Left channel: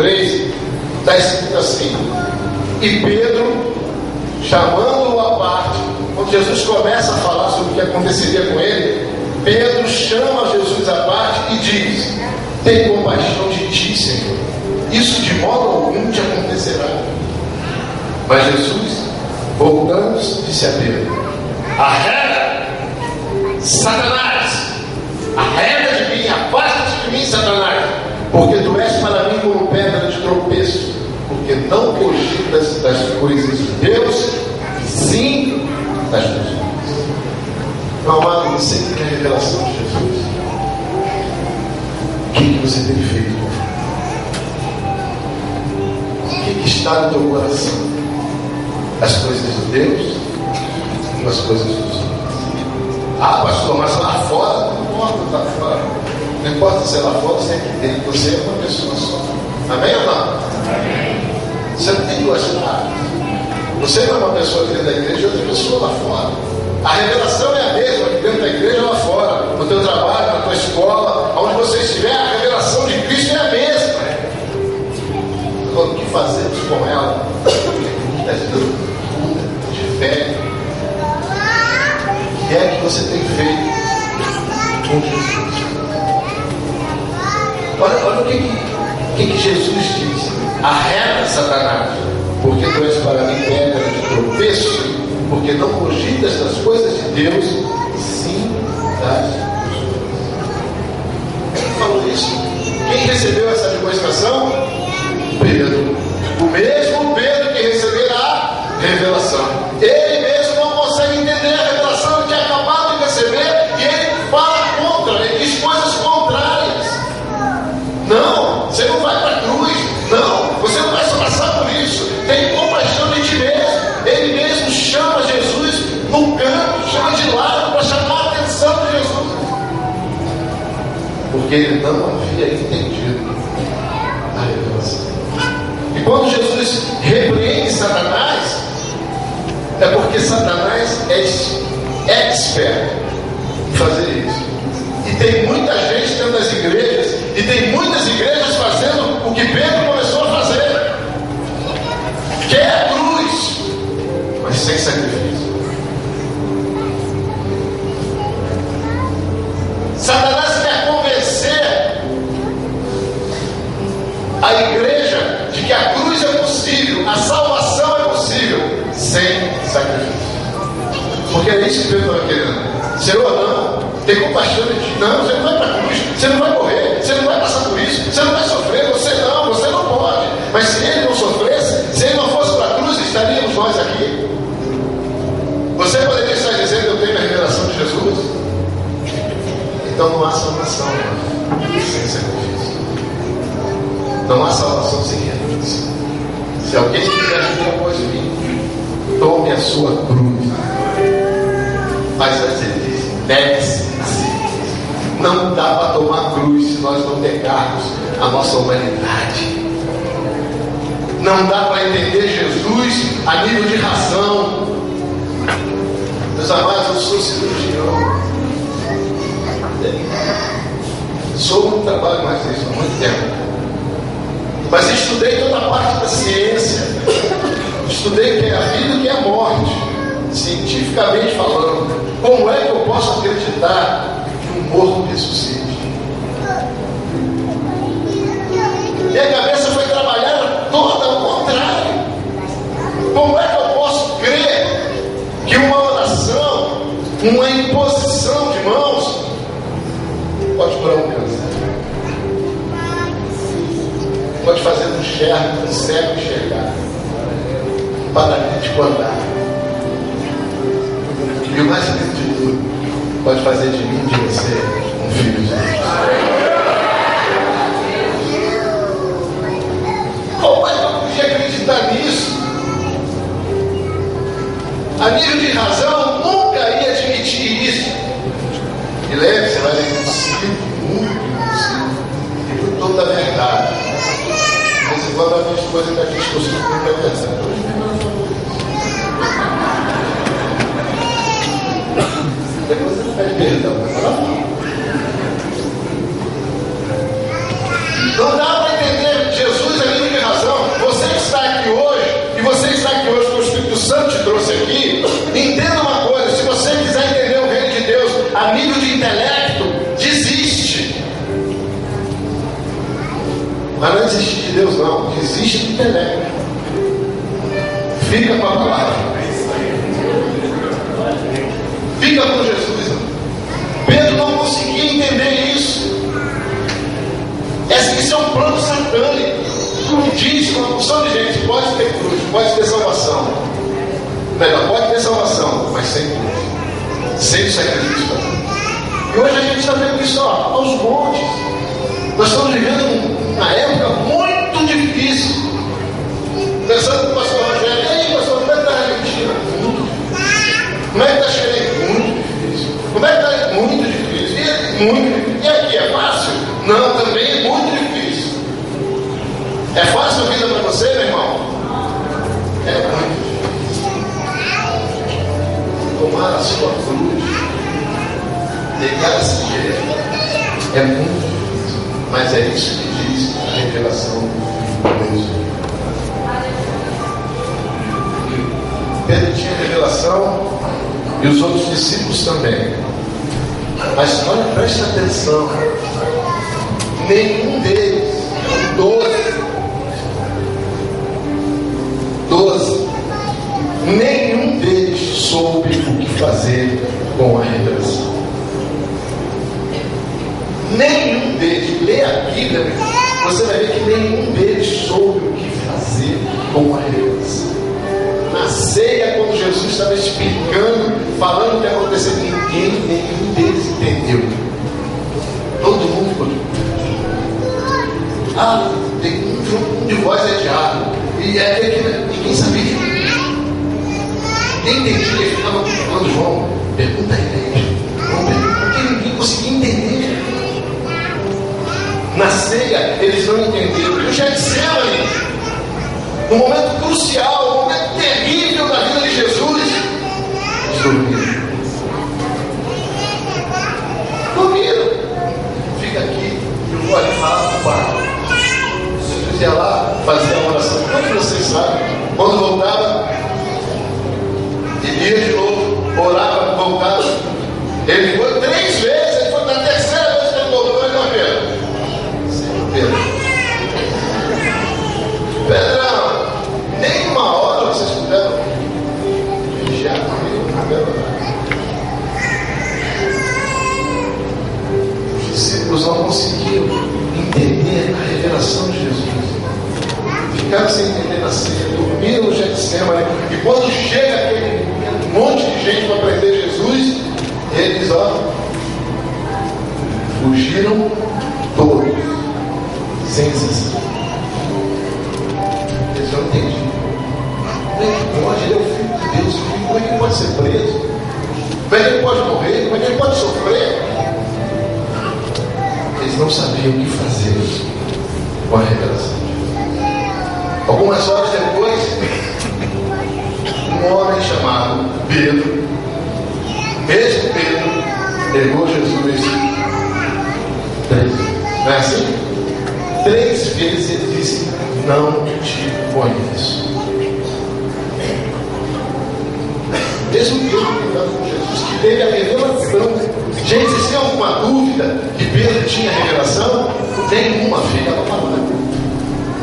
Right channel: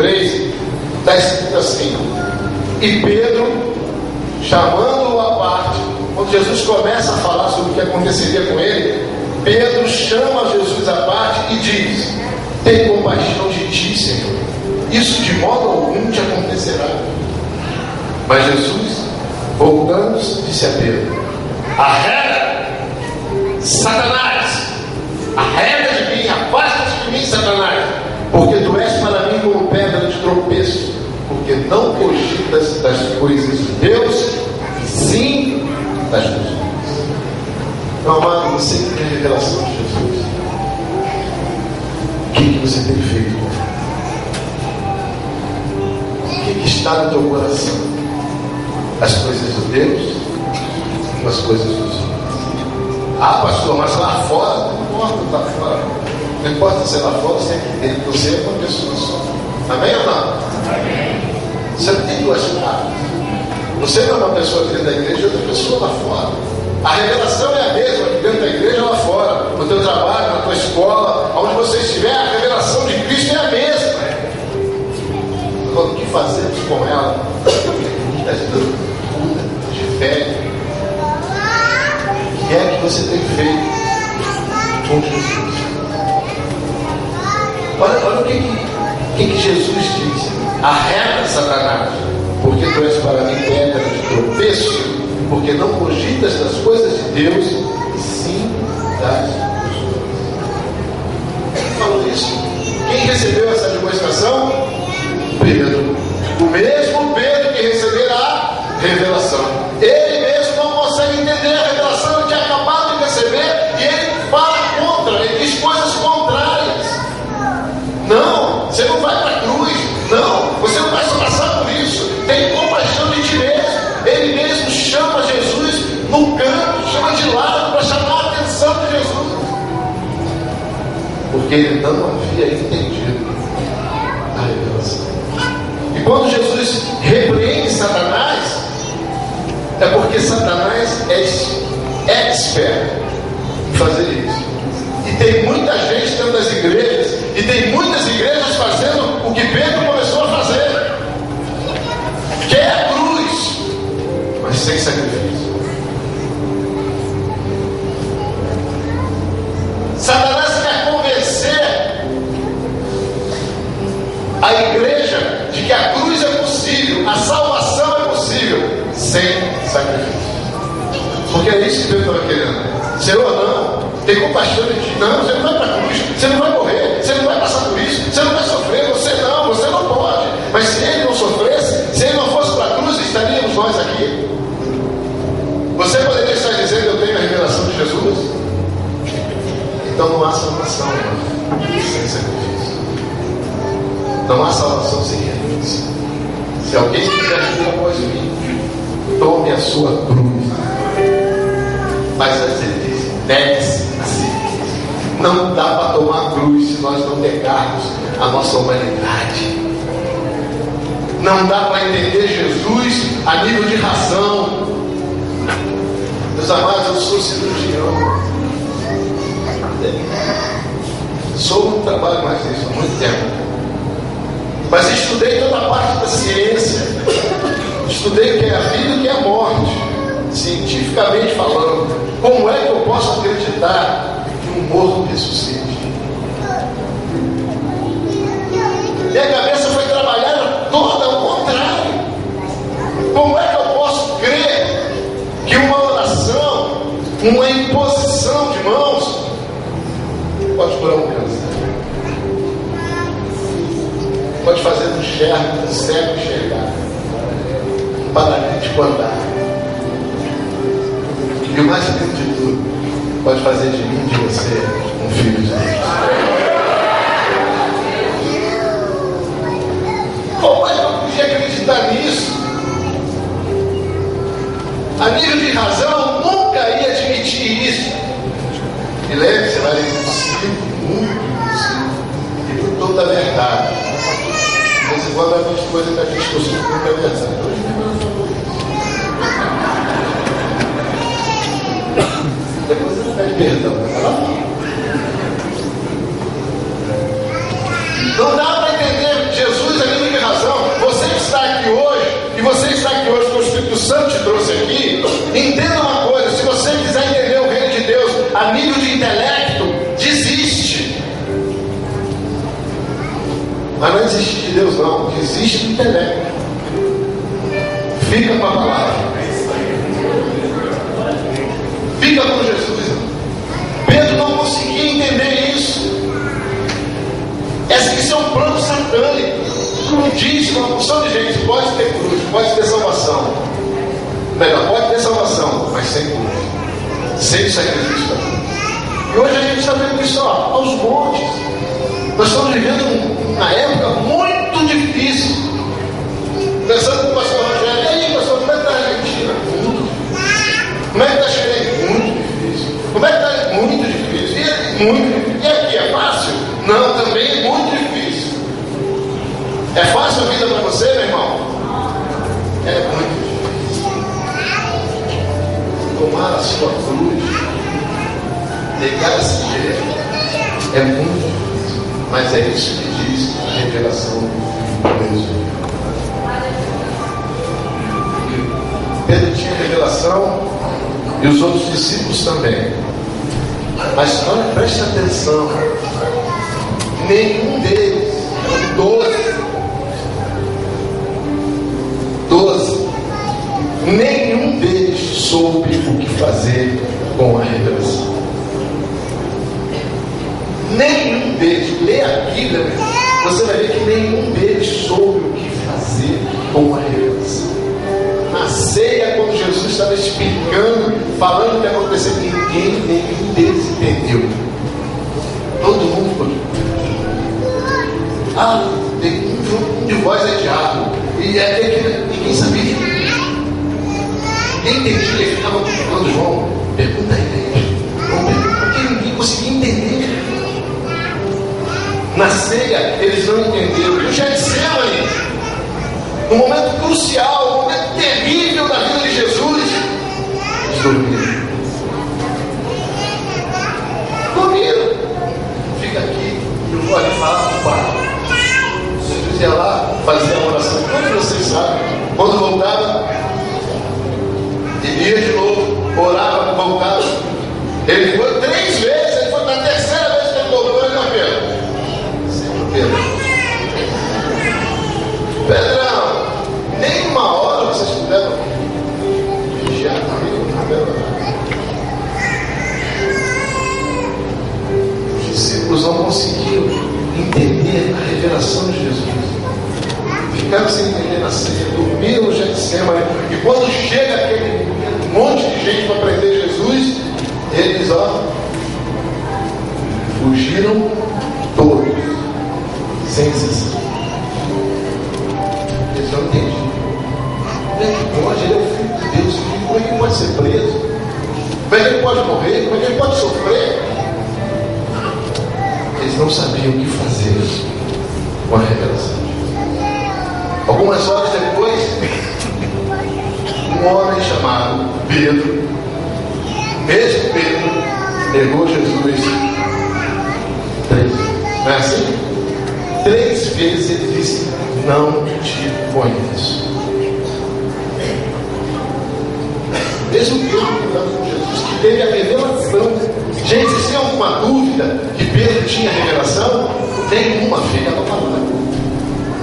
3, está escrito assim: e Pedro, chamando-o à parte, quando Jesus começa a falar sobre o que aconteceria com ele, Pedro chama Jesus à parte e diz: tem compaixão de ti, Senhor, isso de modo algum te acontecerá. Mas Jesus, voltando-se, disse a Pedro: arreda, Satanás, arreda de mim, afasta-te de mim, Satanás, porque tu és para mim como pedra de tropeço, porque não cogitas das coisas de Deus, e sim das coisas humanas. Meu amado, você que tem a revelação de Jesus, o que você tem feito? O que está no teu coração? As coisas de Deus ou as coisas dos homens? Ah, pastor, mas lá fora, não importa lá fora. Não importa se é lá fora, se é aqui dentro. Você é uma pessoa só. Amém ou não? Amém. Você não tem duas caras. Você não é uma pessoa dentro da igreja e outra pessoa lá fora. A revelação é a mesma aqui dentro da igreja e lá fora. No teu trabalho, na tua escola, onde você estiver, a revelação de Cristo é a mesma. Agora, o que fazemos com ela? Muitas dúvidas, de fé. O que é que você tem feito com Jesus? Olha o que Jesus diz: arreda, Satanás, porque tu és para mim pedra de tropeço, porque não cogitas das coisas de Deus, e sim das pessoas. Quem falou isso? Quem recebeu essa demonstração? Pedro. O mesmo Pedro que receberá a revelação. Ele mesmo não consegue entender a revelação, ele tinha acabado de receber e ele fala contra, ele diz coisas contrárias. Não, você não vai para a cruz. Não, você não vai se passar por isso. Tem compaixão de ti mesmo. Ele mesmo chama Jesus no canto, chama de lado para chamar a atenção de Jesus. Porque ele não havia entendido a revelação. E quando Jesus repreende Satanás, é porque Satanás é expert em fazer isso. E tem muita gente dentro das igrejas, e tem muitas igrejas fazendo o que Pedro começou a fazer, que é a cruz, mas sem sacrifício. Satanás quer convencer a igreja de que a cruz é possível, a salvação é possível, sem sacrifício. Porque é isso que Deus estava querendo. Senhor, não, tem compaixão de ti. Não, você não vai para a cruz, você não vai morrer, você não vai passar por isso, você não vai sofrer, você não pode. Mas se ele não sofresse, se ele não fosse para a cruz, estaríamos nós aqui. Você poderia estar dizendo: eu tenho a revelação de Jesus? Então não há salvação sem sacrifício. Não há salvação sem renúncia. Se alguém quiser vir após mim, tome a sua cruz. Mas ele diz: negue-se a si mesmo. Não dá para tomar cruz se nós não negarmos a nossa humanidade. Não dá para entender Jesus a nível de razão. Meus amados, eu sou cirurgião. Não trabalho mais nisso há muito tempo. Mas estudei toda a parte da ciência. Estudei o que é a vida e o que é a morte, cientificamente falando. Como é que eu posso acreditar que um morto ressuscite? Minha cabeça foi trabalhar toda ao contrário. Como é que eu posso crer que uma oração, uma imposição de mãos pode curar um câncer? Pode fazer um cego enxergar, um paralítico andar. E o mais lindo de tudo, pode fazer de mim e de você um filho de Deus. Como é que eu podia acreditar nisso? A nível de razão, nunca ia admitir isso. E lembre-se, vai ler impossível, muito impossível, e por toda a verdade. De vez em quando a gente coisa que a gente costuma nunca é verdade. Depois você pede perdão. Não dá para entender Jesus ali Mas não existe de Deus não, existe do intelecto. Fica com a palavra. Fica com Jesus. Pedro não conseguia entender isso. Isso é um plano satânico. Diz uma porção de gente: pode ter cruz, pode ter salvação. Melhor, pode ter salvação, mas sem cruz, sem sacrifício. E hoje a gente está vendo isso aos montes. Nós estamos vivendo uma época muito difícil. Pensando com o pastor Rogério: e aí, pastor, como é que está a Argentina? Muito difícil. Como é que está a Chile? Muito difícil. Como é que está? Muito difícil. Muito difícil. E aqui é fácil? Não, também é muito difícil. É fácil a vida para você, meu irmão? É muito difícil. Tomar a sua cruz, negar a si mesmo, é muito difícil. Mas é isso que diz a revelação de Deus. Pedro tinha revelação e os outros discípulos também. Mas olha, preste atenção. Nenhum deles, 12, nenhum deles soube o que fazer com a revelação. Nenhum deles, lê a Bíblia, você vai ver que nenhum deles soube o que fazer com a revelação. Na ceia, quando Jesus estava explicando, falando o que aconteceu, nenhum deles entendeu. Todo mundo ficou. Tem um de voz é diabo. E ninguém sabia. Ninguém entendia, ele ficava falando: João, pergunta a ele. Porque ninguém conseguia entender. Na ceia, eles não entenderam. E o Getsemane, no momento crucial, no momento terrível da vida de Jesus, eles dormiram. Fica aqui, eu vou ali falar com o Pai. Jesus ia lá, fazia a oração. Como vocês sabem, quando voltava, ele ia de novo, orava, voltava. Ele foi 3 vezes, ele foi na terceira vez que ele voltou, ele não Pedro. Pedrão, nem uma hora vocês puderam vigiar comigo, não puderam. Os discípulos não conseguiam entender a revelação de Jesus. Ficaram sem entender na ceia, dormiram no Getsemane. E quando chega aquele monte de gente para prender Jesus, eles fugiram todos, sem exceção. Eles não entendiam. Como é que pode? Ele é o Filho de Deus. Como é que ele pode ser preso? Como é que ele pode morrer? Como é que ele pode sofrer? Eles não sabiam o que fazer com a revelação. Algumas horas depois, um homem chamado Pedro, mesmo Pedro, negou Jesus 3 vezes. Não é assim? 3 vezes ele disse: não te conheço. Mesmo Pedro falando com Jesus, que teve a revelação. Gente, se tem alguma dúvida que Pedro tinha revelação, nenhuma, fica para falar.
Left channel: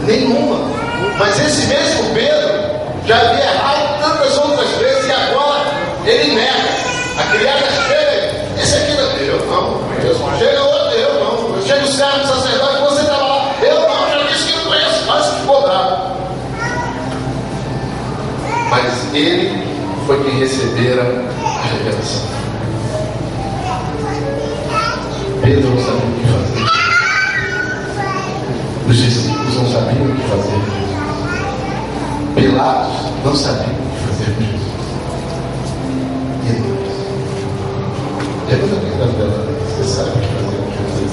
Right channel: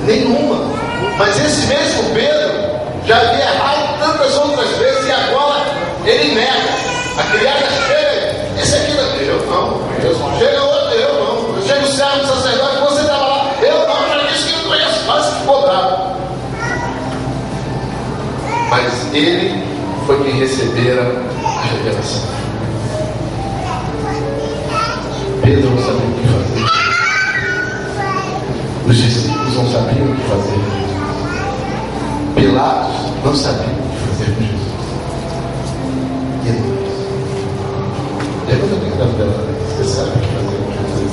Nenhuma. Mas esse mesmo Pedro já havia errado tantas outras vezes e agora ele nega. A criada chega, esse aqui não é eu, não. Chega outro, eu não. Chega o servo do sacerdote, você estava lá, eu não, já disse que não conheço, quase ficou bravo. Mas ele foi quem recebera a revelação. Pedro não sabia o que fazer. Os discípulos não sabiam o que fazer. Pilatos não sabia o que fazer com Jesus. E nós? Levanta a minha dela. Você sabe o que fazer com Jesus?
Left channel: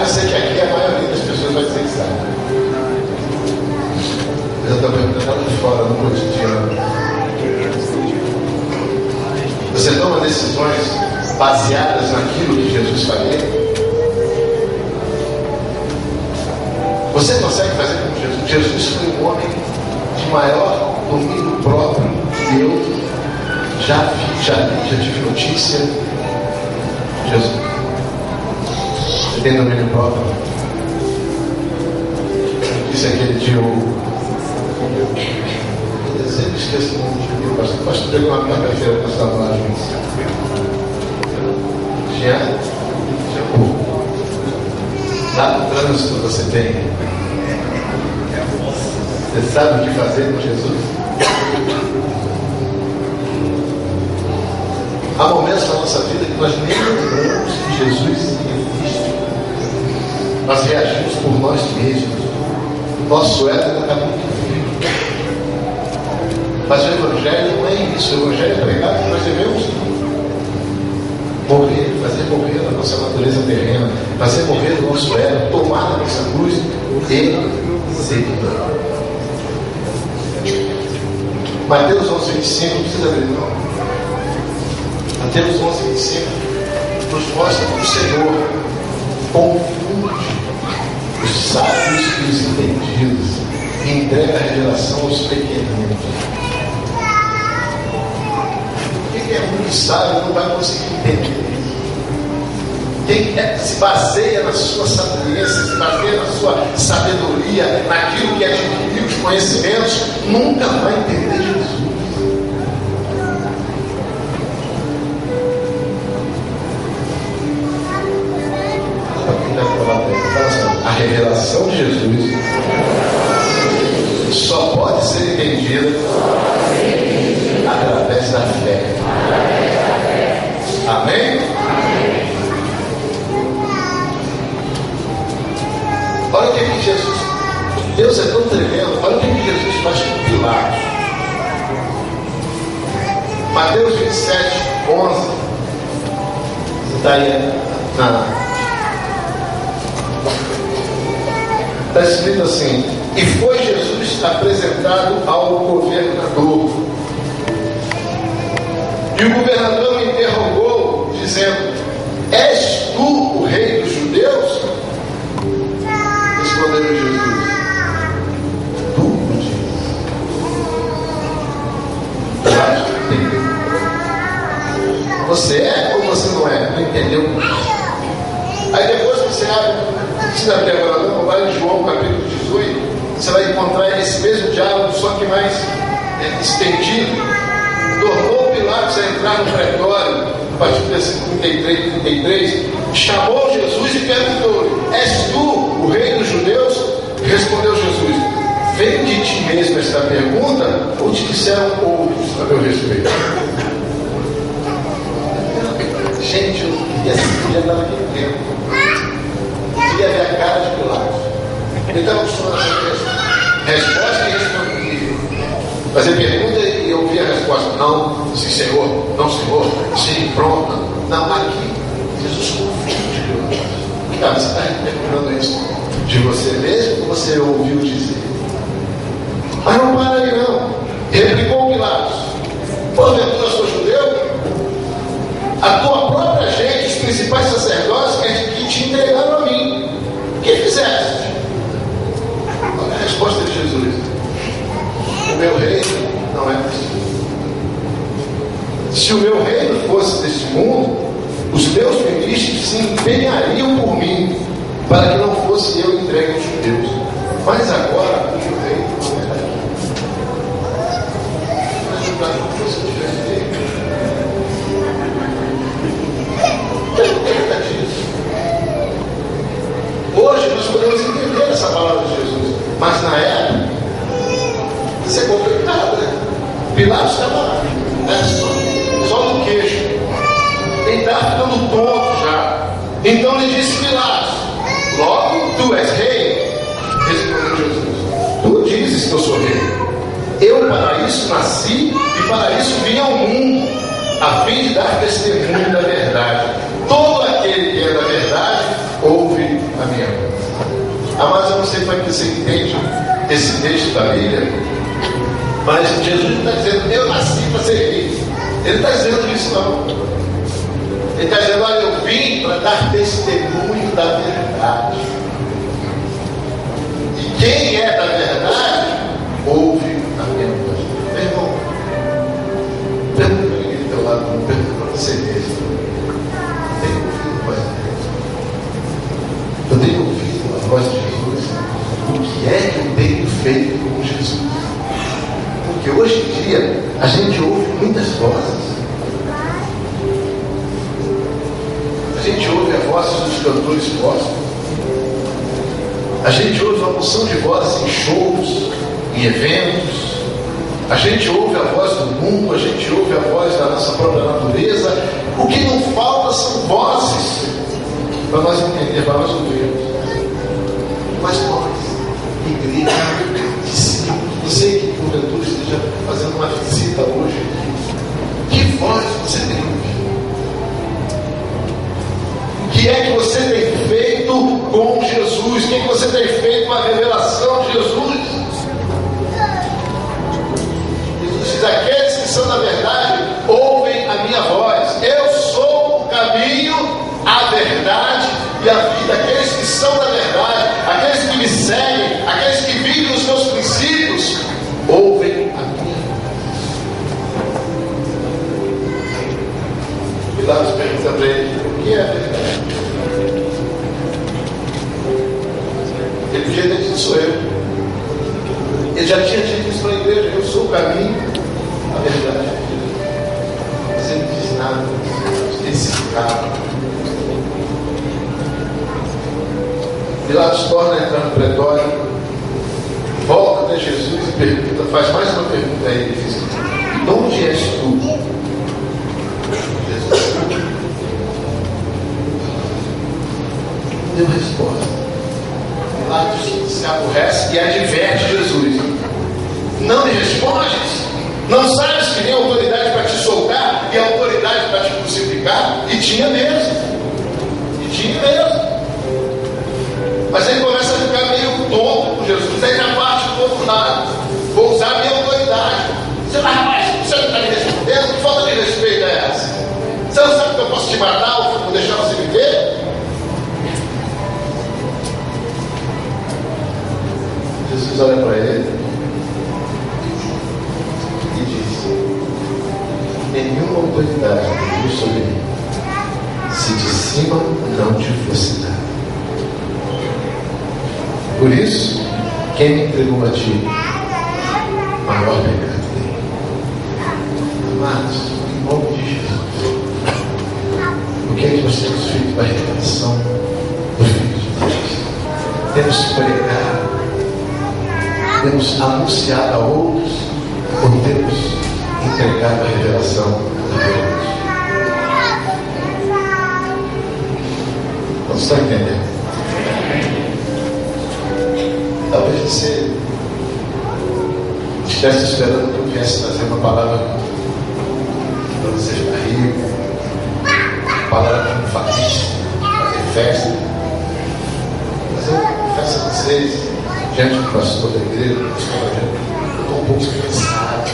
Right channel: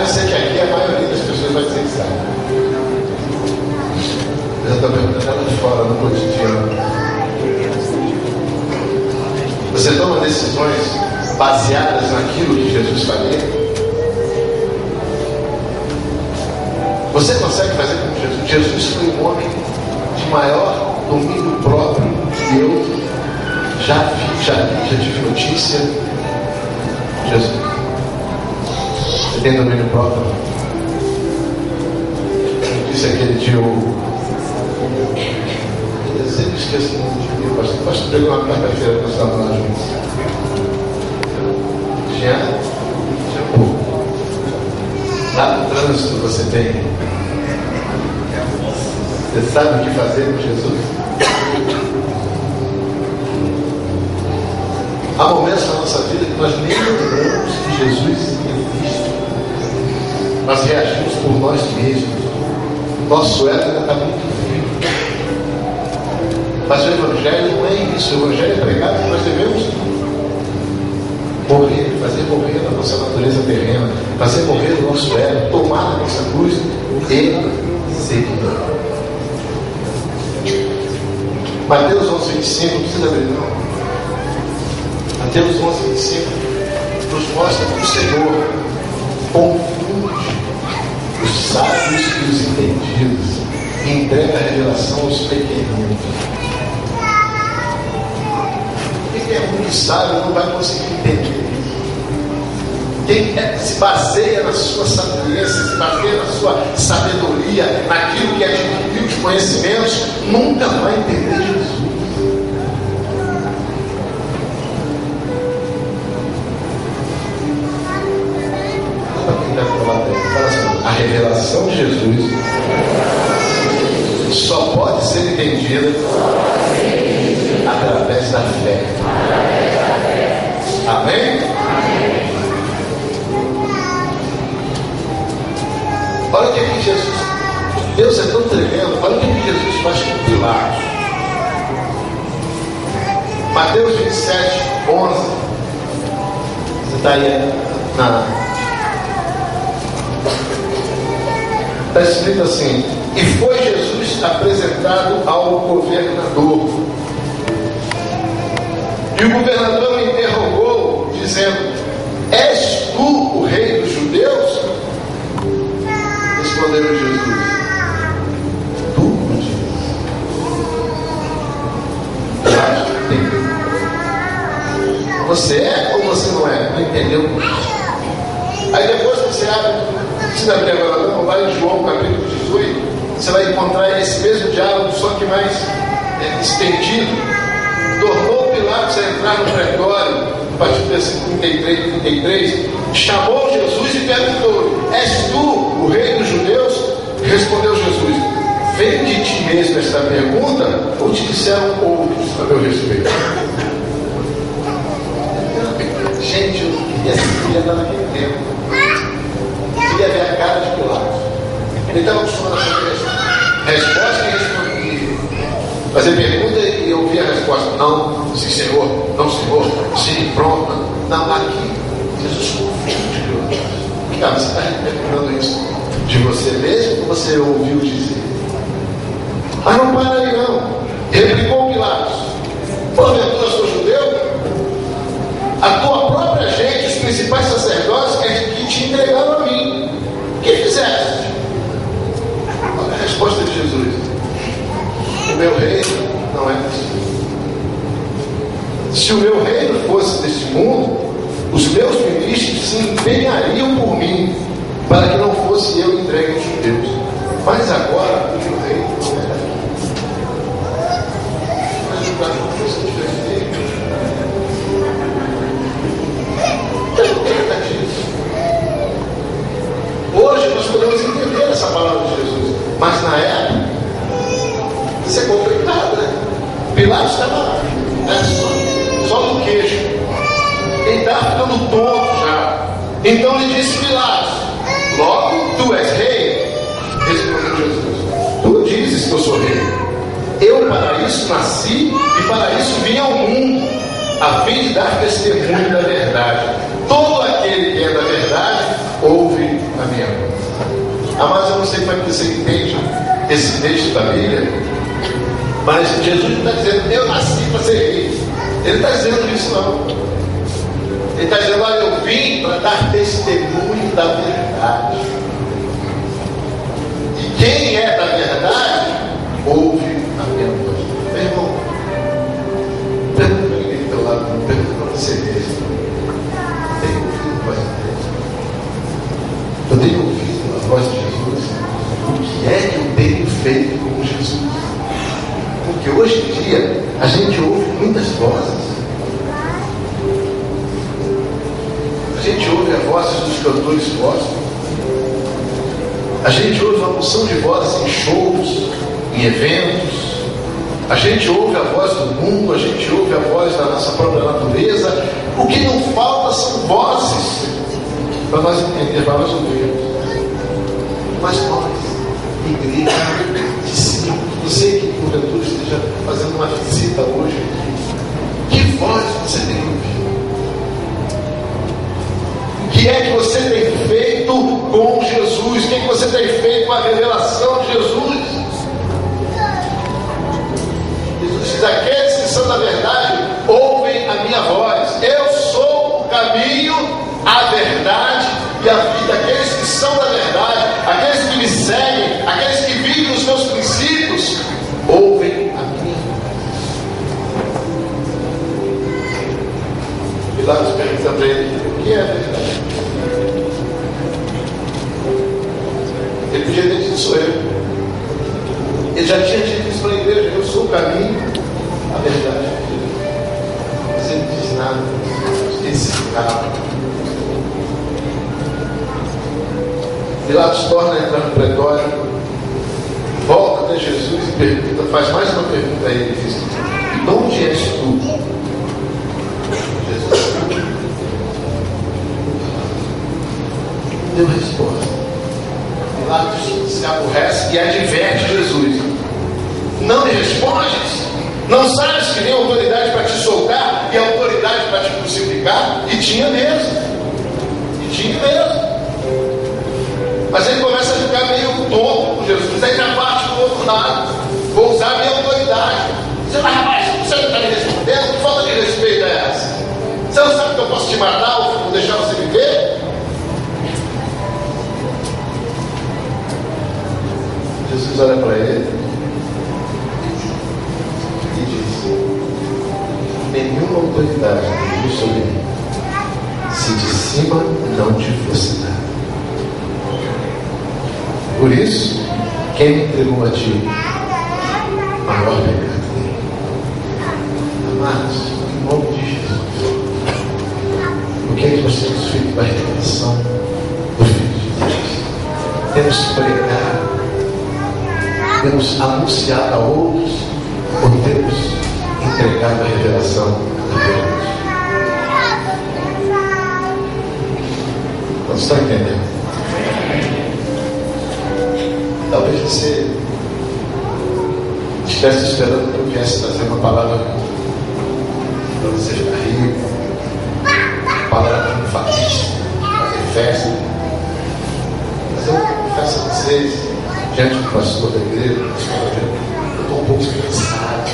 Eu sei que aqui a maioria das pessoas vai dizer que sabe. Eu estou perguntando ela de fora no cotidiano. Você toma decisões baseadas naquilo que Jesus faria? Você consegue fazer como Jesus? Jesus foi um homem de maior domínio próprio que eu já tive notícia. Jesus tem domínio próprio. Disse aquele dia eu sempre esqueço o nome de pastor. O pastor pegou uma quarta-feira que nós estávamos lá juntos. Tinha pouco. Lá no trânsito você tem. Você sabe o que fazer com Jesus? Há momentos na nossa vida que nós nem lembramos que Jesus existe. Nós reagimos por nós mesmos. Nosso ego ainda está muito vivo. Mas o Evangelho não é isso. O Evangelho é pregado que nós devemos morrer, fazer morrer a nossa natureza terrena, fazer morrer o nosso ego, tomar a nossa cruz e seguir. Mateus 11:25, não precisa abrir não. Mateus 11:25 nos mostra que o Senhor confunde os sábios e os entendidos e entrega a revelação aos pequeninos. Quem é muito sábio não vai conseguir entender isso. Quem se baseia na sua sapiência, se baseia na sua sabedoria, naquilo que adquiriu os conhecimentos, nunca vai entender Jesus. A revelação de Jesus só pode ser entendida através da fé. Amém? Olha o que Jesus, Deus é tão tremendo. Olha o que Jesus faz com Pilatos. Mateus 27:11. Você está aí está escrito assim: e foi Jesus apresentado ao governador. E o governador o interrogou, dizendo: és tu o rei dos judeus? Respondeu Jesus: tu o dizes. Você é ou você não é? Não entendeu? Aí depois você abre. Se não tem agora não, vai em João capítulo 18, você vai encontrar esse mesmo diálogo, só que mais estendido. Tornou Pilatos a entrar no pretório, a partir do versículo 33, chamou Jesus e perguntou: és tu o rei dos judeus? Respondeu Jesus: vem de ti mesmo esta pergunta, ou te disseram outros a meu respeito? Gente, eu queria estar naquele tempo. Queria ver a cara de Pilatos. Ele estava acostumado a fazer resposta e responder. Fazer pergunta e ouvir a resposta. Não, sim senhor, não senhor, sim, pronto. Não, aqui. Jesus confunde Pilatos. Cara, você está perguntando isso de você mesmo ou você ouviu dizer? Mas não para ali não. Replicou Pilatos: porventura sou judeu? A tua própria gente, os principais sacerdotes, que te entregaram a mim. O que fizeste? Olha a resposta de Jesus: o meu reino não é deste mundo. Se o meu reino fosse deste mundo, os meus ministros se empenhariam por mim, para que não fosse eu entregue aos judeus. Mas agora o meu reino não é daqui. Mas o prato não fosse diferente dele. Hoje nós podemos entender essa palavra de Jesus, mas na época isso é complicado, né? Pilatos estava só no queixo, ele estava ficando tonto já. Então ele disse: Pilatos, logo tu és rei? Respondeu Jesus: tu dizes que eu sou rei. Eu para isso nasci e para isso vim ao mundo, a fim de dar testemunho da verdade. Todo aquele que é da verdade ouve a minha voz. Amados, eu não sei como é que você entende esse texto da Bíblia, mas Jesus não está dizendo: eu nasci para ser rei. Ele não está dizendo isso não. Ele está dizendo: olha, eu vim para dar testemunho da verdade. E quem é da verdade ouve a minha voz. Meu irmão, pergunta para ninguém do teu lado, pergunta para você mesmo. Tem ouvido a voz de Deus? tenho ouvido a voz de Jesus? O que é que eu tenho feito com Jesus? Porque hoje em dia a gente ouve muitas vozes. A gente ouve a voz dos cantores gospel. A gente ouve uma porção de vozes em shows, em eventos. A gente ouve a voz do mundo, a gente ouve a voz da nossa própria natureza. O que não falta são vozes para nós entender, para nós ouvirmos. Mas nós, igreja, discípulos, você que porventura esteja fazendo uma visita hoje, que voz você tem ouvido? O que é que você tem feito com Jesus? O que é que você tem feito com a revelação de Jesus? Jesus diz: aqueles que são da verdade ouvem a minha voz. Eu sou o caminho, a verdade e a vida. Aqueles que são da verdade, aqueles que me seguem, aqueles que vivem os meus princípios, ouvem a minha voz. Pilatos pergunta para ele: o que é a verdade? Ele podia ter dito: sou eu. Ele já tinha dito isso para a igreja: eu sou o caminho, a verdade. Mas ele não diz nada, ele se cala. Pilatos torna a entrar no pretório, volta até Jesus e pergunta, faz mais uma pergunta a ele, diz: de onde és tu? Jesus deu resposta. Pilatos se aborrece e adverte Jesus: não me respondes? Não sabes que nem autoridade para te soltar e autoridade para te crucificar? E tinha mesmo. Mas ele começa a ficar meio tonto com Jesus. Aí já parte do outro lado: vou usar a minha autoridade. Você vai, rapaz, você não está me respondendo? Que falta de respeito é essa? Você não sabe que eu posso te matar ou vou deixar você viver? Jesus olha para ele e diz: nenhuma autoridade tem sobre mim, se de cima não te fosse dada. Por isso, quem me entregou a ti, maior pecado tem. Amados, em nome de Jesus, o que é que nós temos feito para a revelação do Filho de Deus? Temos pregado, temos anunciado a outros, ou temos entregado a revelação de Deus? Não está entendendo? Talvez você estivesse esperando que eu viesse trazer uma palavra para você ficar rico, uma palavra triunfalista, fazer festa. Mas eu confesso a vocês, diante do pastor da igreja, eu estou um pouco cansado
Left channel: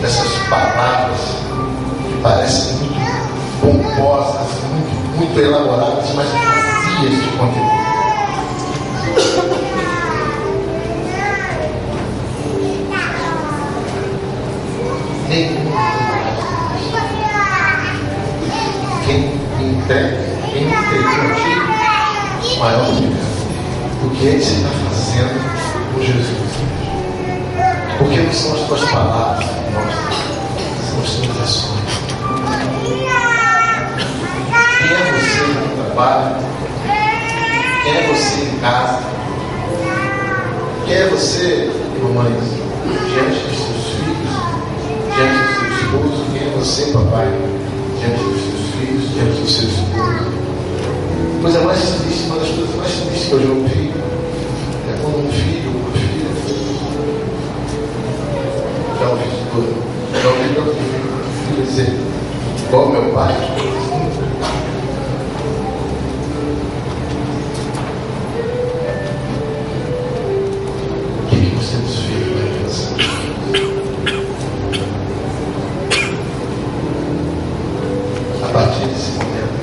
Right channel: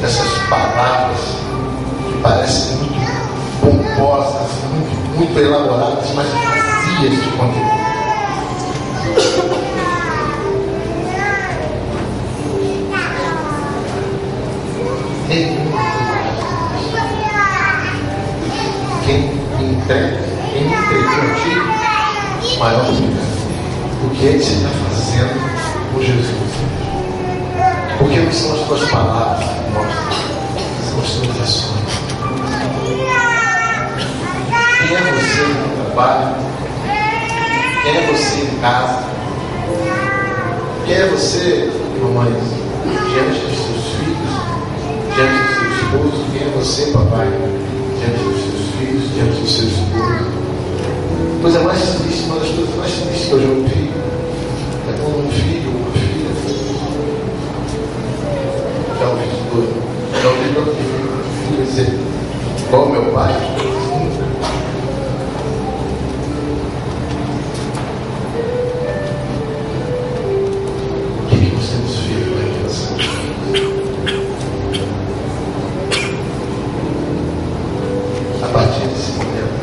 dessas palavras que parecem muito pomposas, muito elaboradas, mas vazias de conteúdo. Quem entregou a ti, maior pecado. O que é que você está fazendo com Jesus? Porque não são as tuas palavras que mostram, são as tuas ações. Quem é você no trabalho? Quem é você em casa? Quem é você, mamãe, diante dos seus filhos, diante do seu esposo? Quem é você, papai, diante dos seus filhos, diante do seu esposo? A coisa mais triste, uma das coisas mais tristes que eu já ouvi é quando um filho ou uma filha, já ouvi tudo, já ouvi tanto filho dizer, igual meu pai. O que nós temos feito na revelação? A partir desse momento,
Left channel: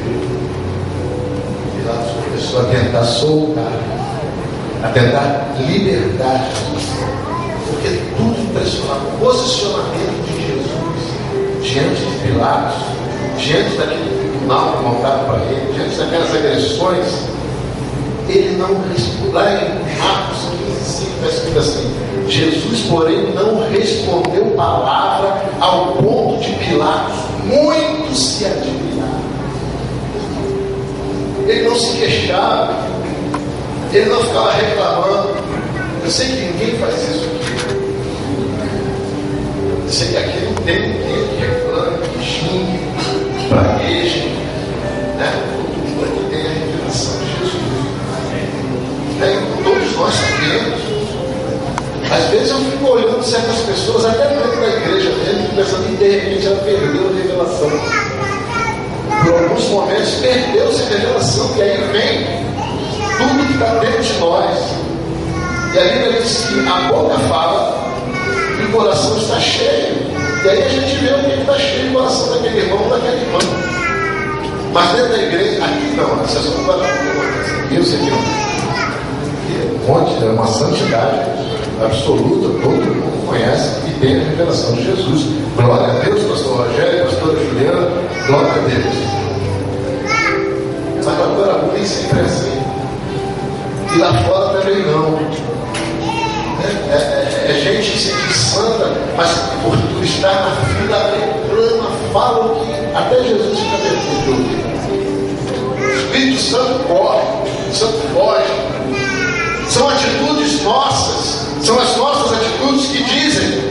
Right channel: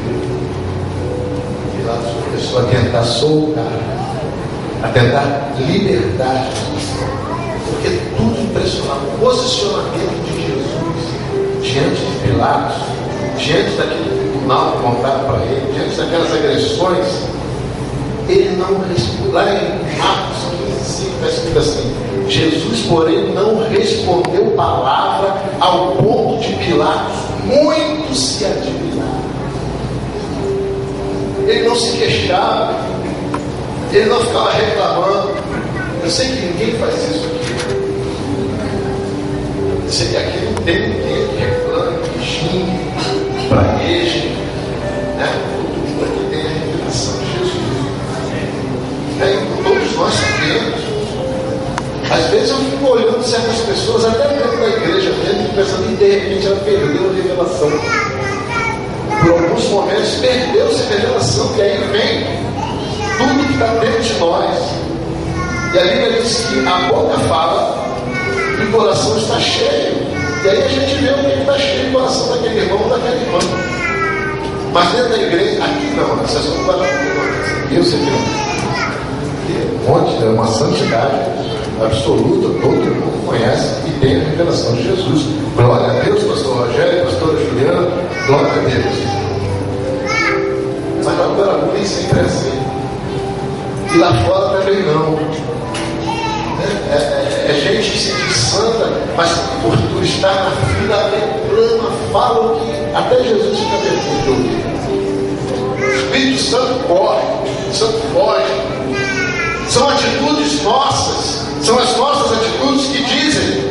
Pilatos começou a tentar soltar, a tentar libertar Jesus, porque tudo impressionava o posicionamento de Jesus diante de Pilatos, diante daquele tribunal que montaram para ele, diante daquelas agressões, ele não respondeu. Lá em Marcos 15, está escrito assim: Jesus, porém, não respondeu palavra, ao ponto de Pilatos muito se admirar. Ele não se queixava, ele não ficava reclamando. Eu sei que ninguém faz isso aqui. Eu sei que aqui não tem ninguém que reclame, que xingue, pragueje, né? Todo mundo aqui tem a revelação de Jesus. Todos nós sabemos. Às vezes eu fico olhando certas pessoas, até dentro da igreja mesmo, pensando que de repente ela perdeu a revelação. Por alguns momentos perdeu-se a revelação, e aí vem tudo que está dentro de nós. E a Bíblia diz que a boca fala e o coração está cheio. E aí a gente vê o que está cheio, o coração daquele irmão ou daquela irmã. Mas dentro da igreja, aqui não, essa só não vai dar problema. Eu sei que não. Um monte, é uma santidade absoluta, todo mundo conhece e tem a revelação de Jesus. Glória a Deus, pastor Rogério, pastor Juliano, glória a Deus. Mas agora nem sempre é assim. E lá fora também não. É gente que se diz santa, mas por tu estar na fila, reclama, fala o que até Jesus fica vergonhoso. O Espírito Santo corre, o Santo foge. São atitudes nossas, são as nossas atitudes que dizem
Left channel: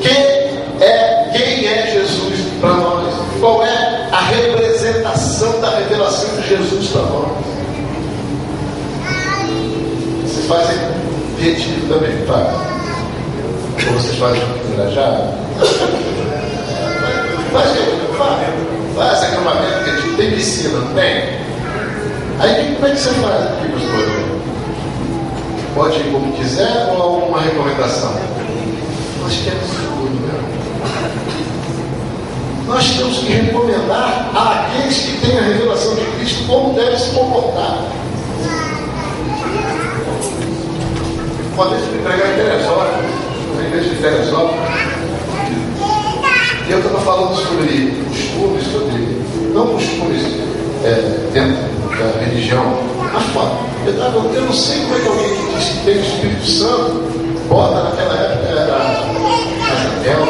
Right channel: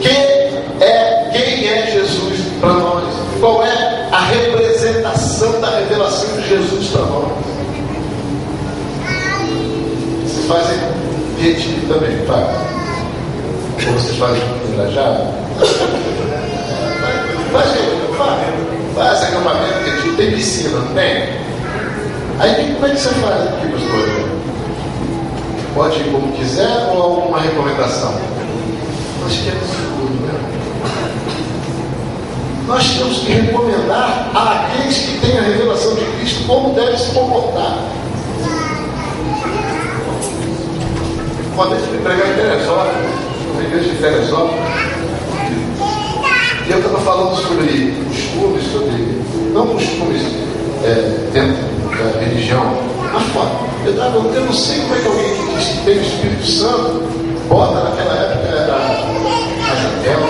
quem é Jesus para nós, qual é a representação da revelação de Jesus para nós. Vocês fazem retiro também, tá? Ou vocês fazem engrajado? Faz acampamento, retiro, tem piscina, não tem? Aí como é que você faz aqui, pastor? Pode ir como quiser ou alguma recomendação? Nós temos tudo, né? Nós temos que recomendar àqueles que têm a revelação de Cristo como deve se comportar. Uma vez eu fui pregar em Teresópolis, uma igreja de Teresópolis, e eu estava falando sobre costumes, não costumes dentro da religião, mas fora. Eu não sei como é que alguém que diz que tem o Espírito Santo bota naquela época a janela,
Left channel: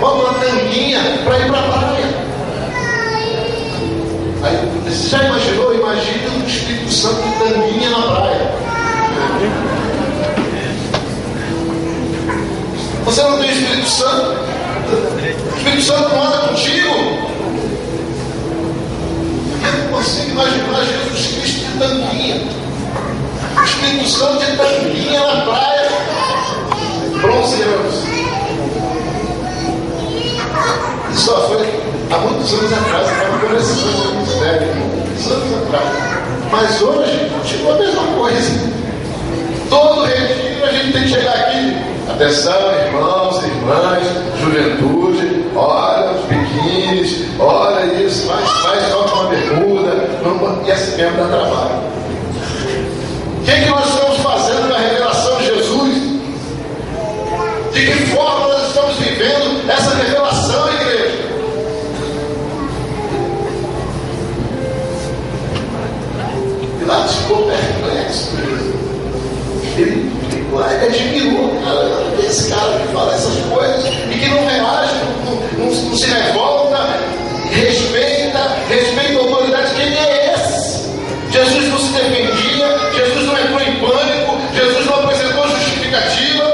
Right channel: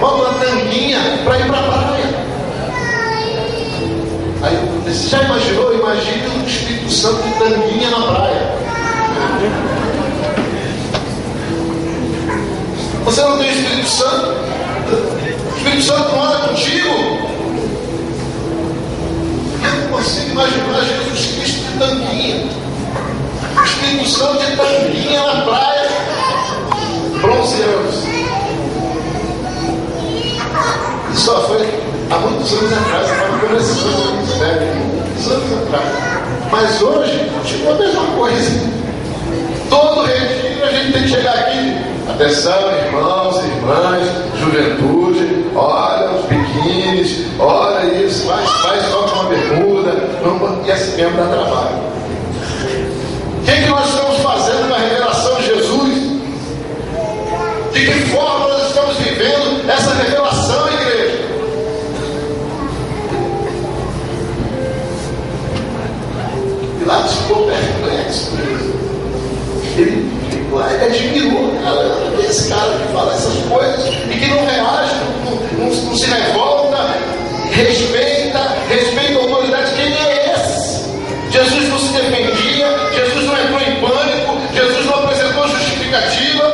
bota uma tanguinha para ir para a praia. Aí você já imaginou? Imagina o Espírito Santo de tanguinha na praia. Você não tem o Espírito Santo? O Espírito Santo não anda contigo? Eu não consigo imaginar Jesus Cristo de tanguinha, o Espírito Santo de tanguinha na praia, bronzeanos. Isso só foi há muitos anos atrás, estava começando o ministério, muitos anos atrás. Mas hoje, continua a mesma coisa. Todo retiro a gente tem que chegar aqui. Atenção, irmãos, irmãs, juventude, olha os biquínis, olha isso, faz só com uma bermuda, e assim mesmo dá trabalho. O que nós estamos fazendo na revelação de Jesus? De que forma nós estamos vivendo essa revelação, igreja? Pilatos ficou perplexo. Ele admirou, cara, esse cara que fala essas coisas e que não reage, não se revolta, respeita a autoridade. Quem é esse? Jesus não se defendia, Jesus não entrou em pânico, Jesus não apresentou justificativa.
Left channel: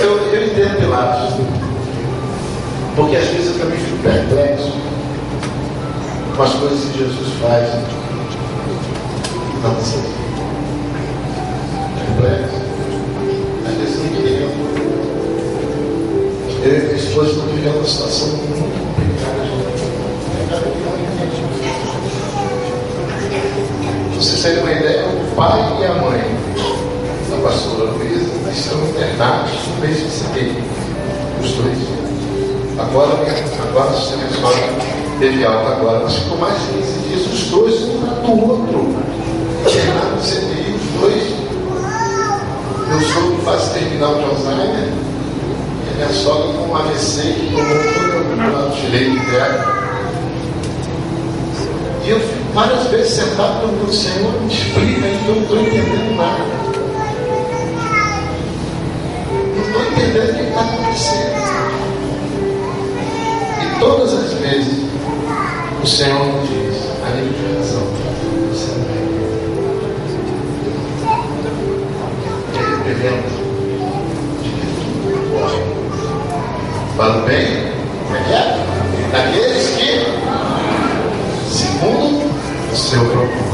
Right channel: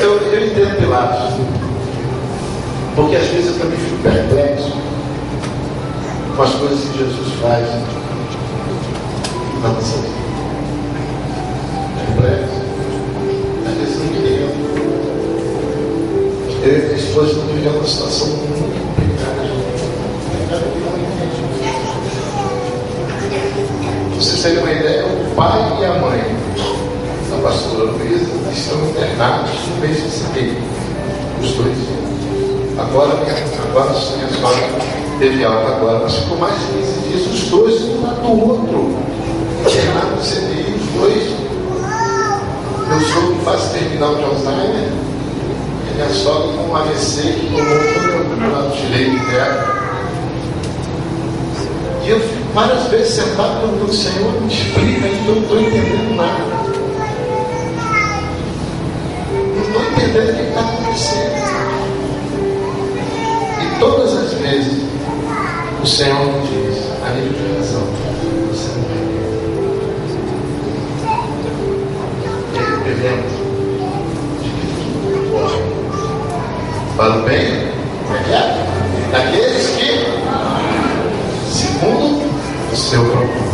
Eu entendo Pilatos, porque às vezes eu também fico perplexo com as coisas que Jesus faz na nossa vida. Perplexo. Às vezes eu me lembro. Eu e minha esposa estamos vivendo uma situação muito complicada. Pra vocês terem uma ideia, o pai e a mãe da pastora Luísa estão internados no mês de setembro. Os dois. Agora você resolve. Teve alta agora, mas ficou mais de 15 dias, os dois, um lado do outro. Internado no CTI, os dois. Meu sogro faz terminal de Alzheimer, e minha sogra com um AVC que tomou todo o lado direito dela. E eu fico várias vezes sentado perguntando: Senhor, me explica aí, eu não estou entendendo nada. Não estou entendendo o que está acontecendo. E todas as vezes o Senhor me diz, a nível de razão, você não é. Ele representa de que tudo corre para o bem daqueles que, segundo o seu propósito.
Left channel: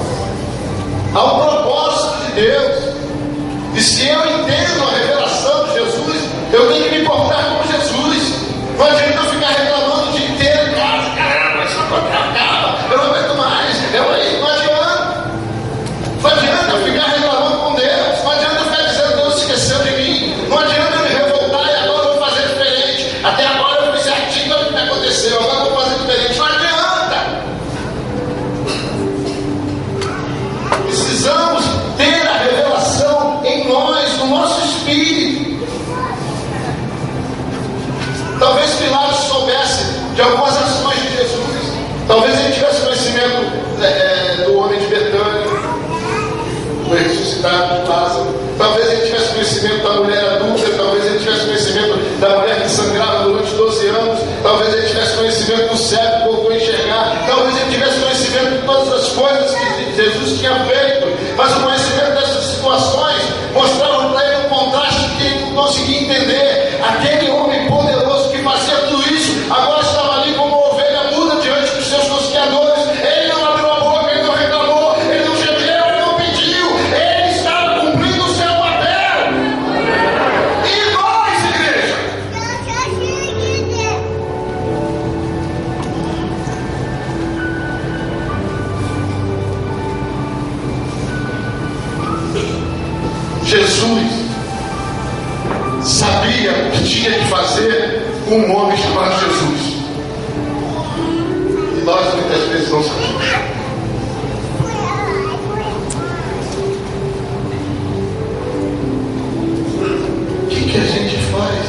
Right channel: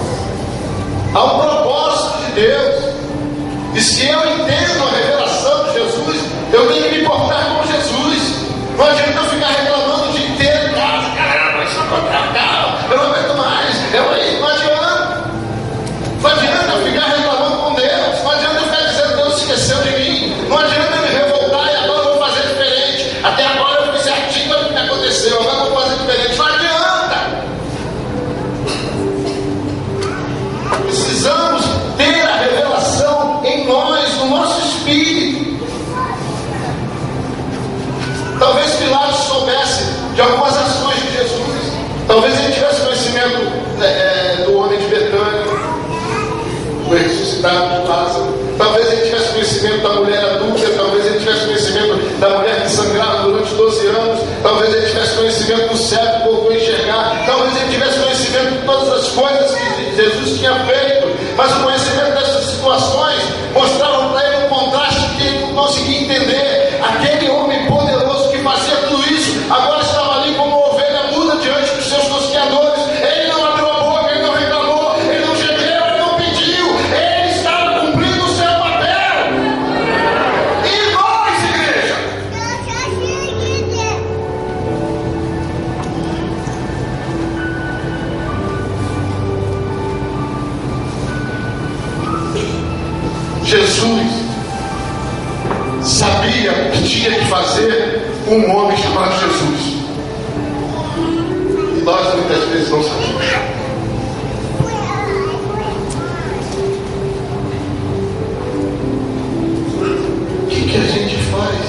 Há um propósito de Deus. E se eu entendo a revelação de Jesus, eu tenho que me portar como Jesus. Não adianta eu ficar reclamando o dia inteiro em casa: caramba, isso não, eu não aguento mais. Não adianta. Não adianta eu ficar reclamando com Deus. Não adianta eu ficar dizendo: Deus esqueceu de mim. Não adianta eu me revoltar e agora eu vou fazer diferente. Até agora eu fiz certinho o que aconteceu, agora eu vou fazer diferente. Não adianta. Precisamos ter a revelação em nós, no nosso espírito. Talvez Pilatos soubesse de algumas ações de Jesus. Talvez ele tivesse conhecimento do homem de Betânia, do ressuscitado de Lázaro. Talvez ele tivesse conhecimento da mulher adúltera. Talvez ele tivesse conhecimento da mulher que sangrava durante 12 anos. Talvez ele tivesse conhecimento do cego que voltou a enxergar. Talvez ele tivesse conhecimento de todas as coisas que Jesus tinha feito. Mas o conhecimento dessas situações mostravam para ele um contraste que ele não conseguia entender. Aquele homem poderoso que fazia tudo isso, agora estava ali como uma ovelha muda diante dos seus tosqueadores. Ele não abriu a boca, ele não reclamou, ele não gemeu, ele não pediu. Ele estava cumprindo o seu papel. E nós, igreja? Jesus sabia o que tinha que fazer com um homem chamado Jesus. E nós muitas vezes não sabemos. O que a gente faz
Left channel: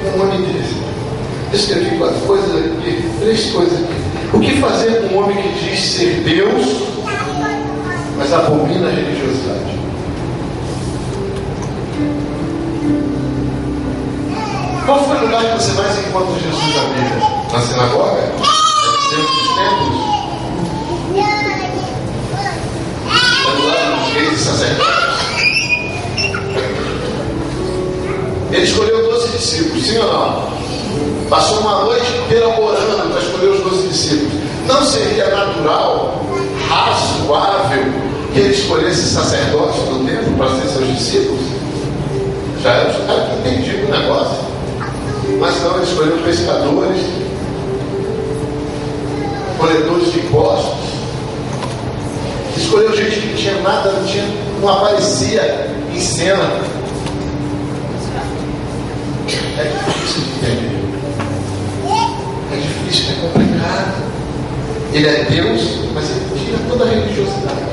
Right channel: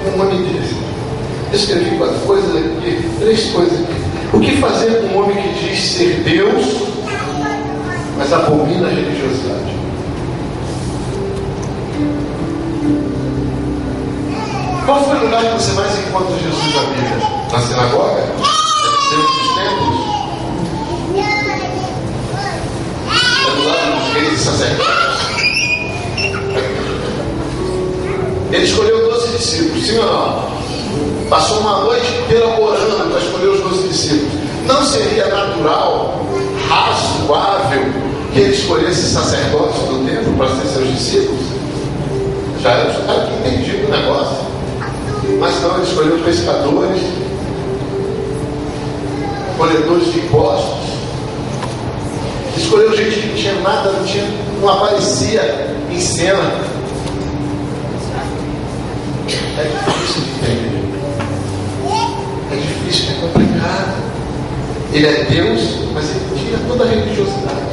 com um homem desse? Eu escrevi 4 coisas aqui, 3 coisas aqui. O que fazer com um homem que diz ser Deus, mas abomina a religiosidade? Qual foi o lugar que você mais encontra Jesus na Bíblia? Na sinagoga? Dentro dos templos? É do lado dos reis e sacerdotes? Ele escolheu 12 discípulos, sim ou não? Passou uma noite inteira orando para escolher os 12 discípulos. Não seria natural, razoável, que ele escolhesse sacerdotes do templo para ser seus discípulos? Já era os caras que entendiam o negócio. Mas não, ele escolheu pescadores, colhedores de impostos, escolheu gente que não tinha nada, não aparecia em cena. É difícil de entender. É difícil, é complicado. Ele é Deus, mas ele tira toda a religiosidade.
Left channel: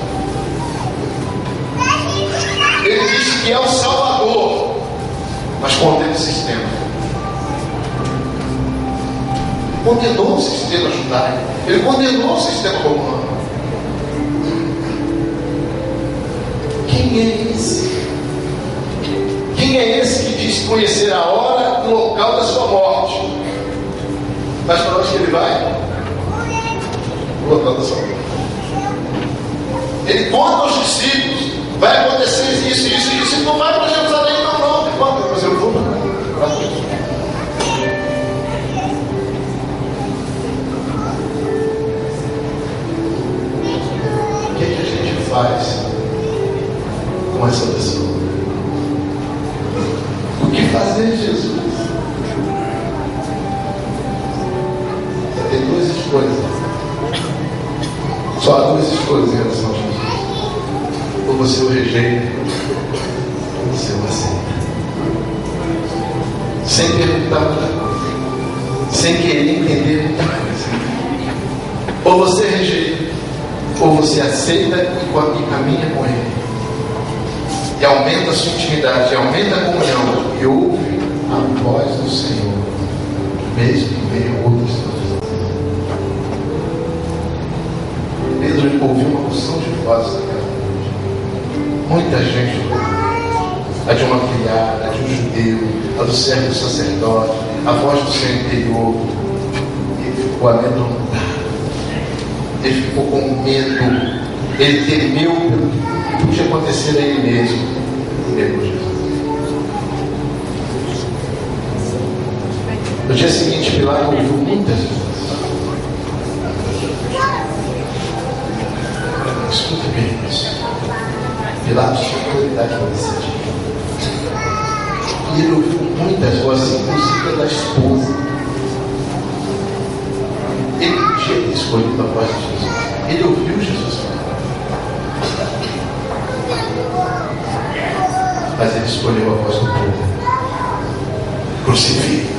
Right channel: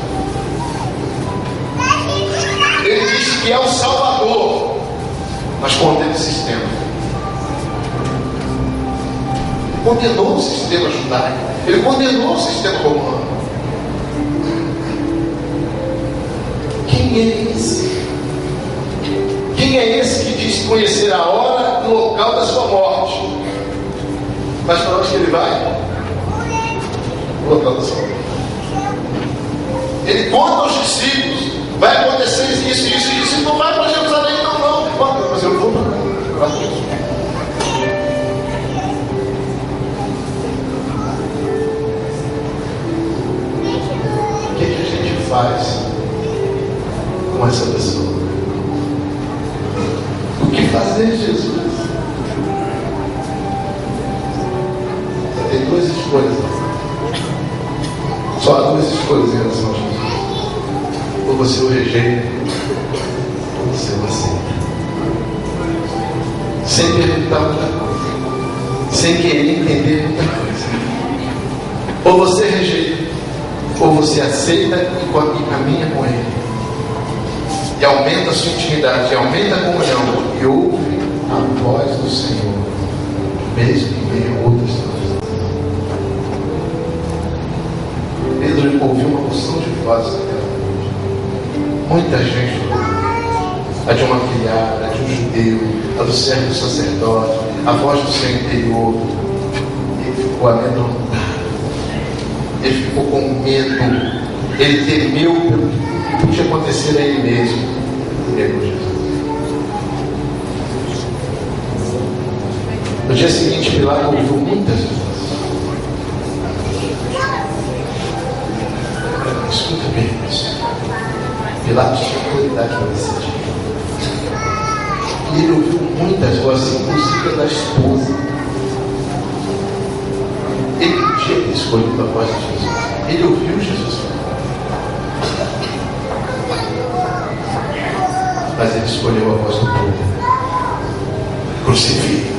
Ele diz que é o Salvador, mas contém o sistema. Condenou o sistema judaico, ele condenou o sistema romano. Quem é esse? Quem é esse que diz conhecer a hora e o local da sua morte? Mas para onde que ele vai? O local da sua morte. Ele conta aos discípulos: vai acontecer isso, isso, isso, e não vai para Jerusalém, não. Mas eu vou para Jesus. O que a gente faz com essa pessoa? O que fazer, Jesus? Você tem 2 escolhas. Só há 2 escolhas em relação a Jesus. Ou você o rejeita, ou você o aceita. Sem perguntar muita coisa, sem querer entender muita coisa. Ou você rejeita, ou você aceita e caminha com ele. e aumenta a sua intimidade, e aumenta a comunhão, e ouve a voz do Senhor, mesmo em meio a outras coisas. Pedro ouviu uma porção de vozes naquela noite. Muita gente ouviu. A de uma criada, a de um judeu, a do servo do sacerdote, a voz do seu interior. Ele ficou amedrontado. Ele ficou com medo. Ele temeu pelo que podia acontecer a ele mesmo. Negou Jesus. No dia seguinte, Pilatos ouviu muitas vezes. Escuta bem isso. Pilatos tinha autoridade para decidir. E ele ouviu muitas vozes, inclusive a da esposa. Ele podia ter escolhido a voz de Jesus. Ele ouviu Jesus falar. Mas ele escolheu a voz do povo. Crucifique,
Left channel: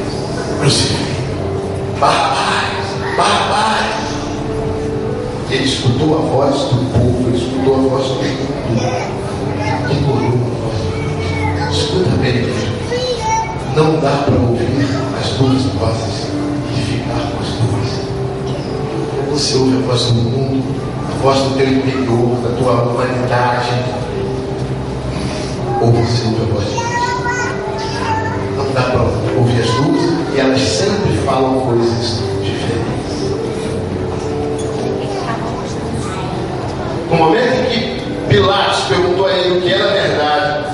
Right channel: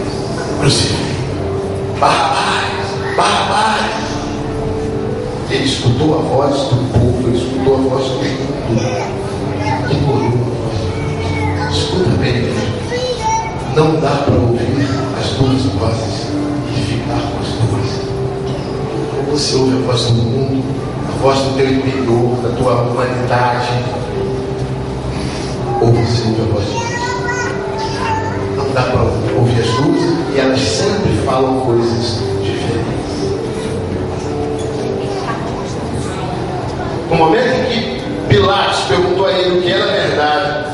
crucifique. Barrabás, Barrabás. Ele escutou a voz do povo, ele escutou a voz do mundo. Ignorou a voz do povo. Escuta bem, igreja. Não dá para ouvir as duas vozes e ficar com as duas. Ou você ouve a voz do mundo, a voz do teu interior, da tua humanidade, ou você ouve a voz de Deus. Não dá para ouvir as duas, e elas sempre falam coisas diferentes. No momento em que Pilatos perguntou a ele o que era verdade,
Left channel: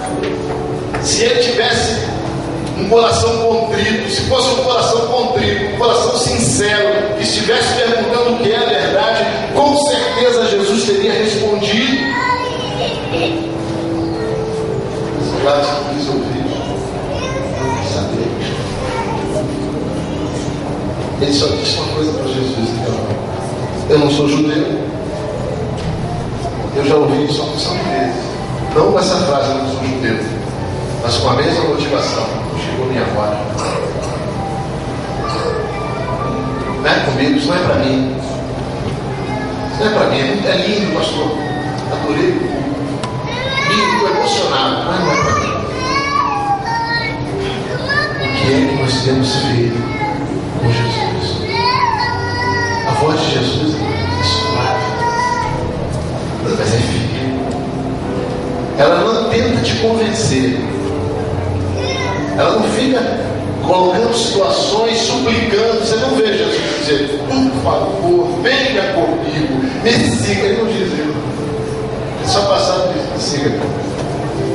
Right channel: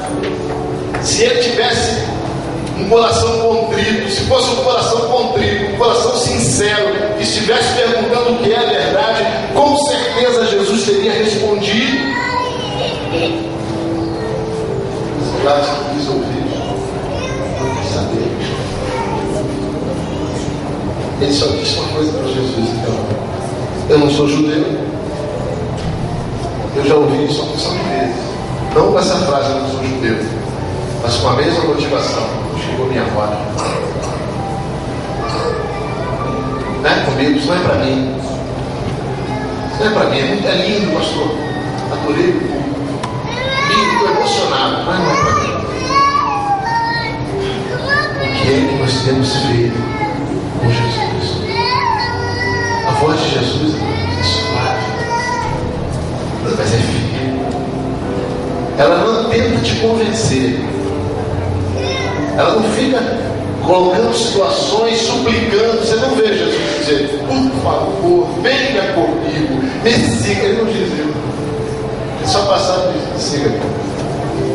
se ele tivesse um coração contrito, se fosse um coração contrito, um coração sincero, que estivesse perguntando o que é a verdade, com certeza Jesus teria respondido. Pilatos não quis ouvir, não quis saber. Ele só disse uma coisa para Jesus: então, eu não sou judeu. Eu já ouvi isso uma porção de vezes. Não com essa frase, eu não sou judeu, mas com a mesma motivação. Chegou minha hora. Não é comigo, isso não é para mim. Isso não é para mim, é lindo, pastor. Adorei. Estou emocionado, mas não é para mim. O que é que nós temos feito com Jesus? A voz de Jesus é suave, mas é firme. Ela não tenta te convencer. Ela não fica colocando situações, suplicando. Você não vê Jesus dizer: por favor, venha comigo, me siga. Ele não diz isso. Ele só passava e disse: siga.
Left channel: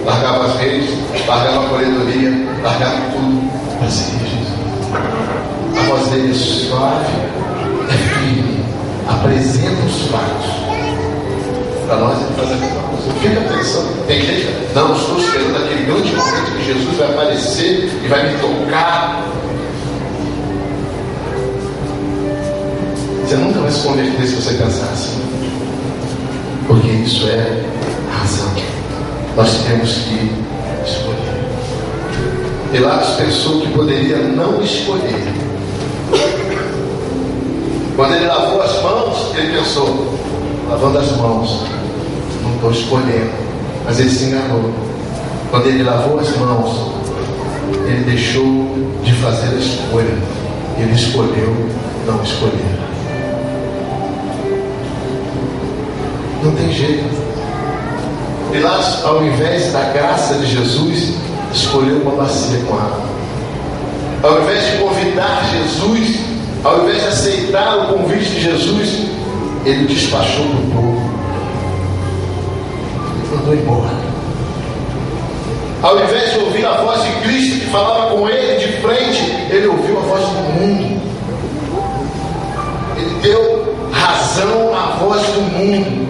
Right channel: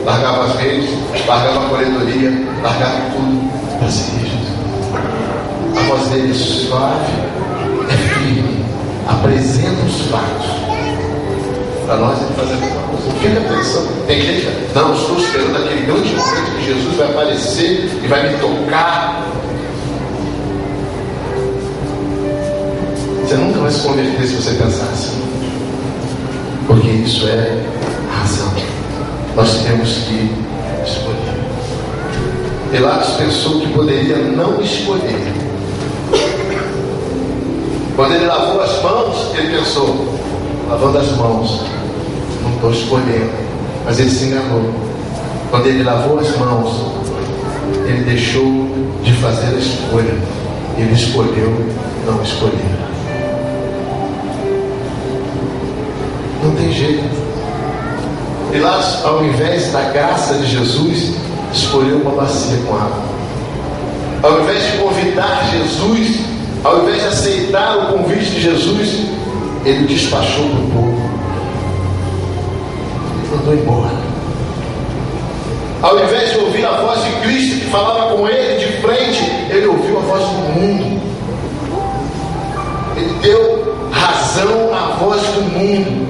Largava as redes, largava a coletoria, largava tudo para seguir Jesus. A voz dele é suave, é firme, apresenta os fatos. Para nós ele faz a mesma coisa. Fica pensando. Tem gente que não, estou esperando aquele grande momento que Jesus vai aparecer e vai me tocar. Você nunca vai se converter se você pensar assim. Porque isso é a razão. Nós temos que escolher. Pilatos pensou que poderia não escolher. Quando ele lavou as mãos, ele pensou: lavando as mãos, não estou escolhendo. Mas ele se enganou. Quando ele lavou as mãos, ele deixou de fazer a escolha. Ele escolheu não escolher. Não tem jeito. Pilatos, ao invés da graça de Jesus, escolheu uma bacia com água. Ao invés de convidar Jesus, ao invés de aceitar o convite de Jesus, ele despachou para o povo. Ele mandou embora. Ao invés de ouvir a voz de Cristo que falava com ele de frente, ele ouviu a voz do mundo. Ele deu razão à voz do mundo.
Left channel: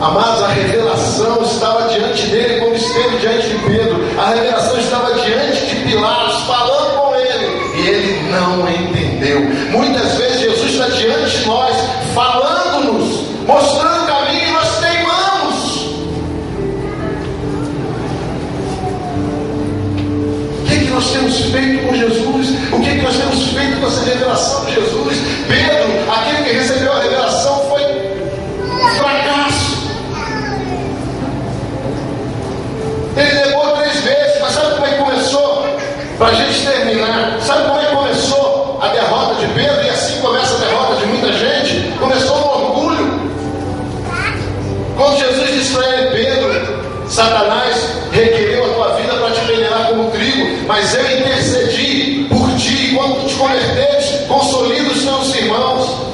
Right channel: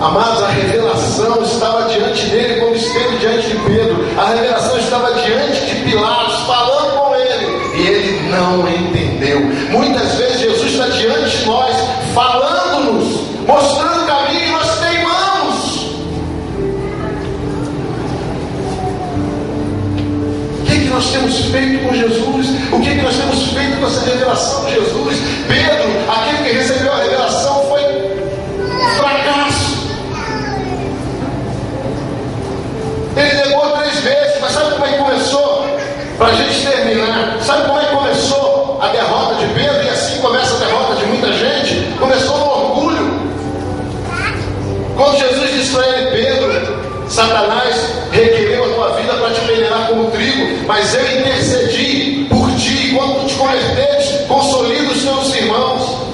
Amados, a revelação estava diante dele como esteve diante de Pedro. A revelação estava diante de Pilatos, falando com ele, e ele não entendeu. Muitas vezes Jesus está diante de nós, falando-nos, mostrando o caminho, e nós teimamos. O que é que nós temos feito com Jesus? O que é que nós temos feito com essa revelação de Jesus? Pedro, aquele que recebeu a revelação, foi um fracasso. antes de terminar, sabe como é que começou a derrota de Pedro? E assim começa a derrota de muita gente. Começou no orgulho. Quando Jesus disse para ele: Pedro, Satanás requereu a tua vida para te envenenar como trigo, mas eu intercedi por ti, e quando tu te converteres, consolida os teus irmãos.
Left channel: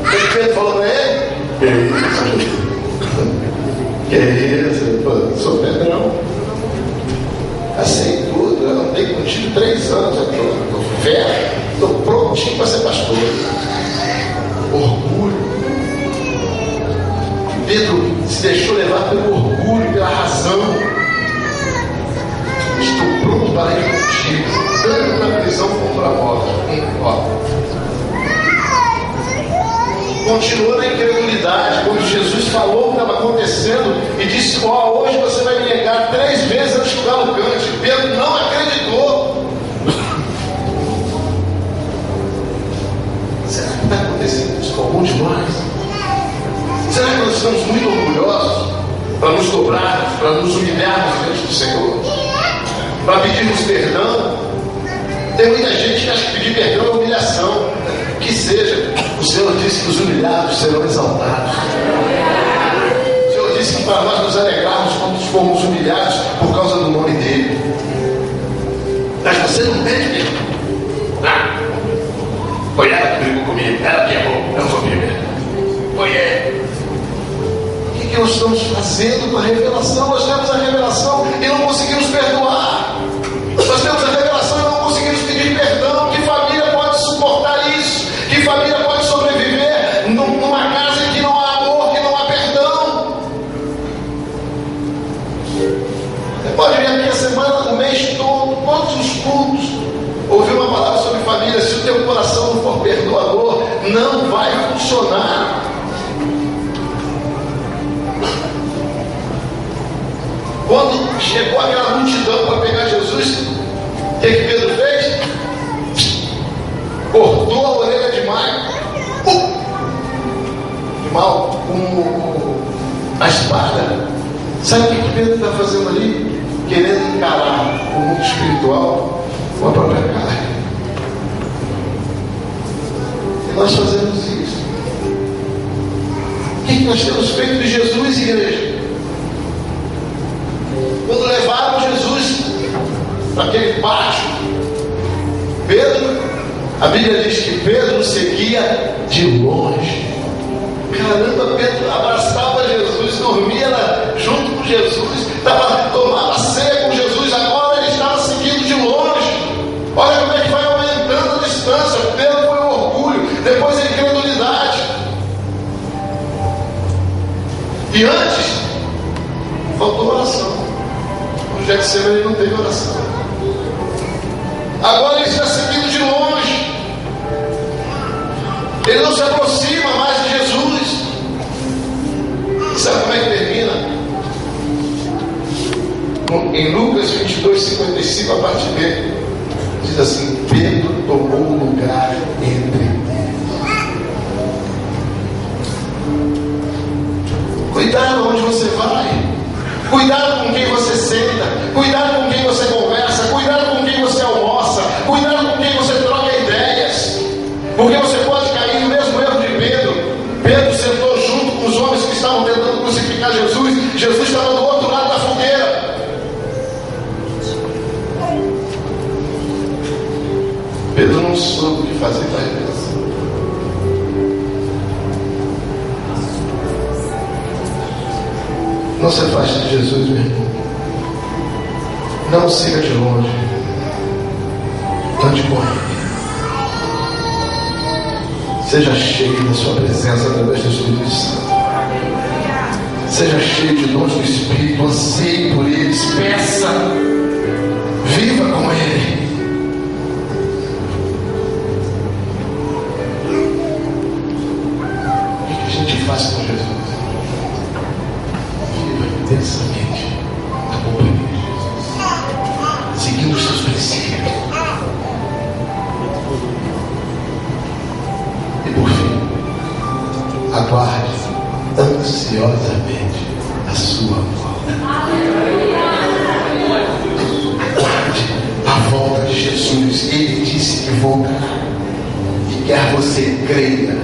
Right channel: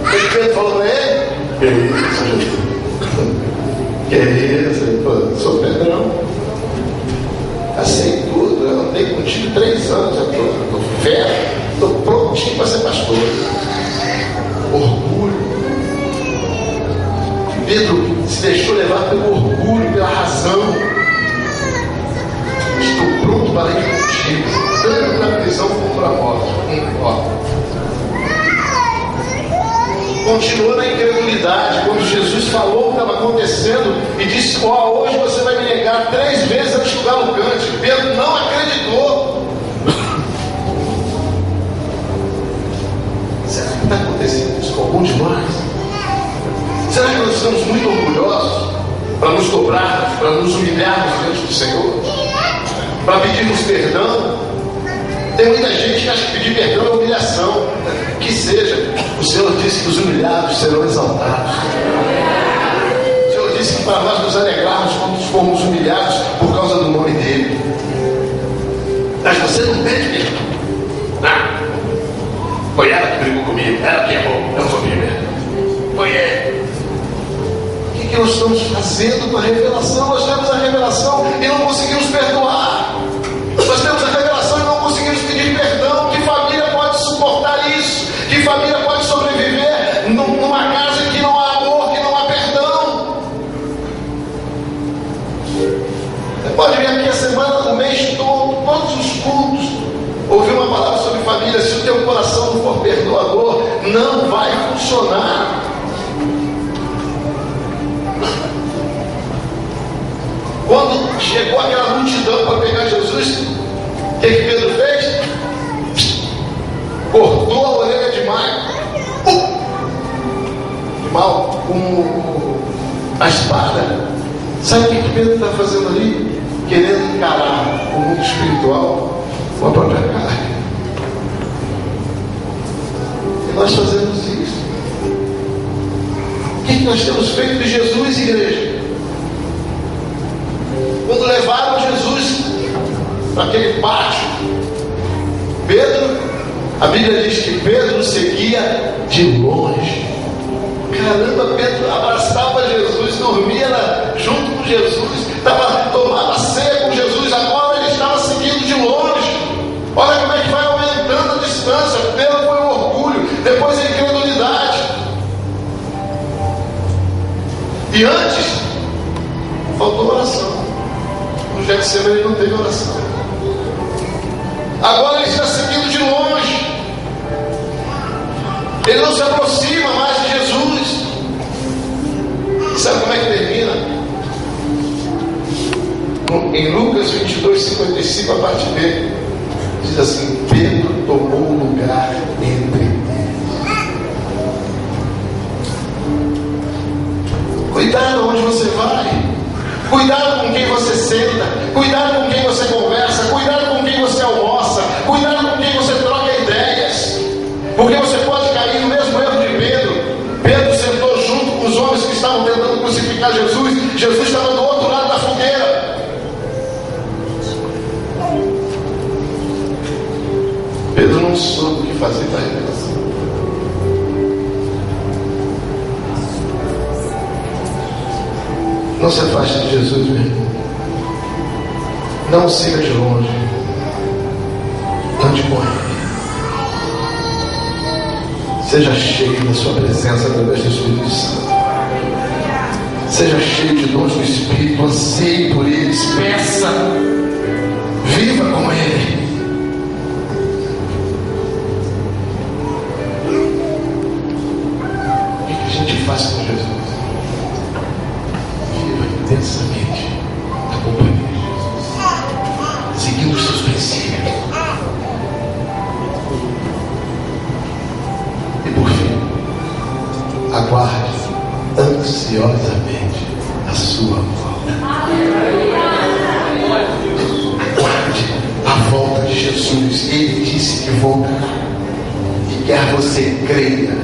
O que Pedro falou para ele? Que isso? Pô, sou Pedrão. Sei tudo, eu andei contigo 3 anos, eu estou fera, estou prontinho para ser pastor. Orgulho. Pedro se deixou levar pelo orgulho, pela razão. Estou pronto para ir contigo, tanto na prisão como para a morte. Continuou na incredulidade. Quando Jesus falou o que estava acontecendo e disse: hoje você vai me negar 3 vezes antes que o galo cante, Pedro não acreditou. Será que está acontecendo isso com algum de nós? Será que nós estamos muito orgulhosos para nos dobrarmos, para nos humilharmos diante do Senhor, para pedirmos perdão? Tem muita gente que acha que pedir perdão é humilhação. Que seja. O Senhor disse que os humilhados serão exaltados. O Senhor disse que para nós nos alegrarmos quando formos humilhados por causa do nome dEle. Mas você não pede mesmo. Foi ela que brigou comigo, ela que errou, eu não sou primeiro. Foi ela. O que nós estamos fazendo com a revelação? Nós temos a revelação e não conseguimos perdoar. Nós temos a revelação e não conseguimos pedir perdão. Que família pode suportar isso? Que família pode sobreviver numa casa em que não há amor, que não há perdão? Você pode vir aqui a semana, o mês todo, todos os cultos, ouvir uma palavra sobre família. Se o teu coração não for perdoador, não vai funcionar. Quando chegou aquela multidão para pegar Jesus, o que Pedro fez? Cortou a orelha de mal com a espada. Sabe o que Pedro está fazendo ali? Querendo encarar o mundo espiritual com a própria carne. E nós fazemos isso. O que nós temos feito de Jesus, igreja? Quando levaram Jesus para aquele pátio, Pedro, a Bíblia diz que Pedro seguia de longe. Caramba, Pedro abraçava Jesus, dormia junto com Jesus, tomava ceia com Jesus, agora ele estava seguindo de longe. Olha como é que vai aumentando a distância. Pedro foi o orgulho, depois a incredulidade. E antes, faltou oração. No Getsemane ele não teve oração. Agora ele está seguindo de longe. Ele não se aproxima mais de Jesus. Sabe como é que termina? Em Lucas 22, 55, a parte B, diz assim: Pedro tomou lugar entre eles. Cuidado onde você vai. Cuidado com quem você senta. Cuidado com quem você conversa. Cuidado com quem você almoça. Cuidado com quem você troca ideias. Porque você pode cair no mesmo erro de Pedro. Pedro sentou junto com os homens que estavam tentando crucificar Jesus. Jesus estava do outro lado da fogueira. Pedro não soube o que fazer para a revelação. Não se afaste de Jesus, meu irmão. Não siga de longe. Ande com Ele. Seja cheio da sua presença através do Espírito Santo. Seja cheio de dons do Espírito. Anseie por eles. Peça. Viva com Ele. O que a gente faz com Jesus? Intensamente a companhia de Jesus, seguindo os seus princípios. E por fim, aguarde ansiosamente a sua volta. Aguarde voltará. E quer você creia,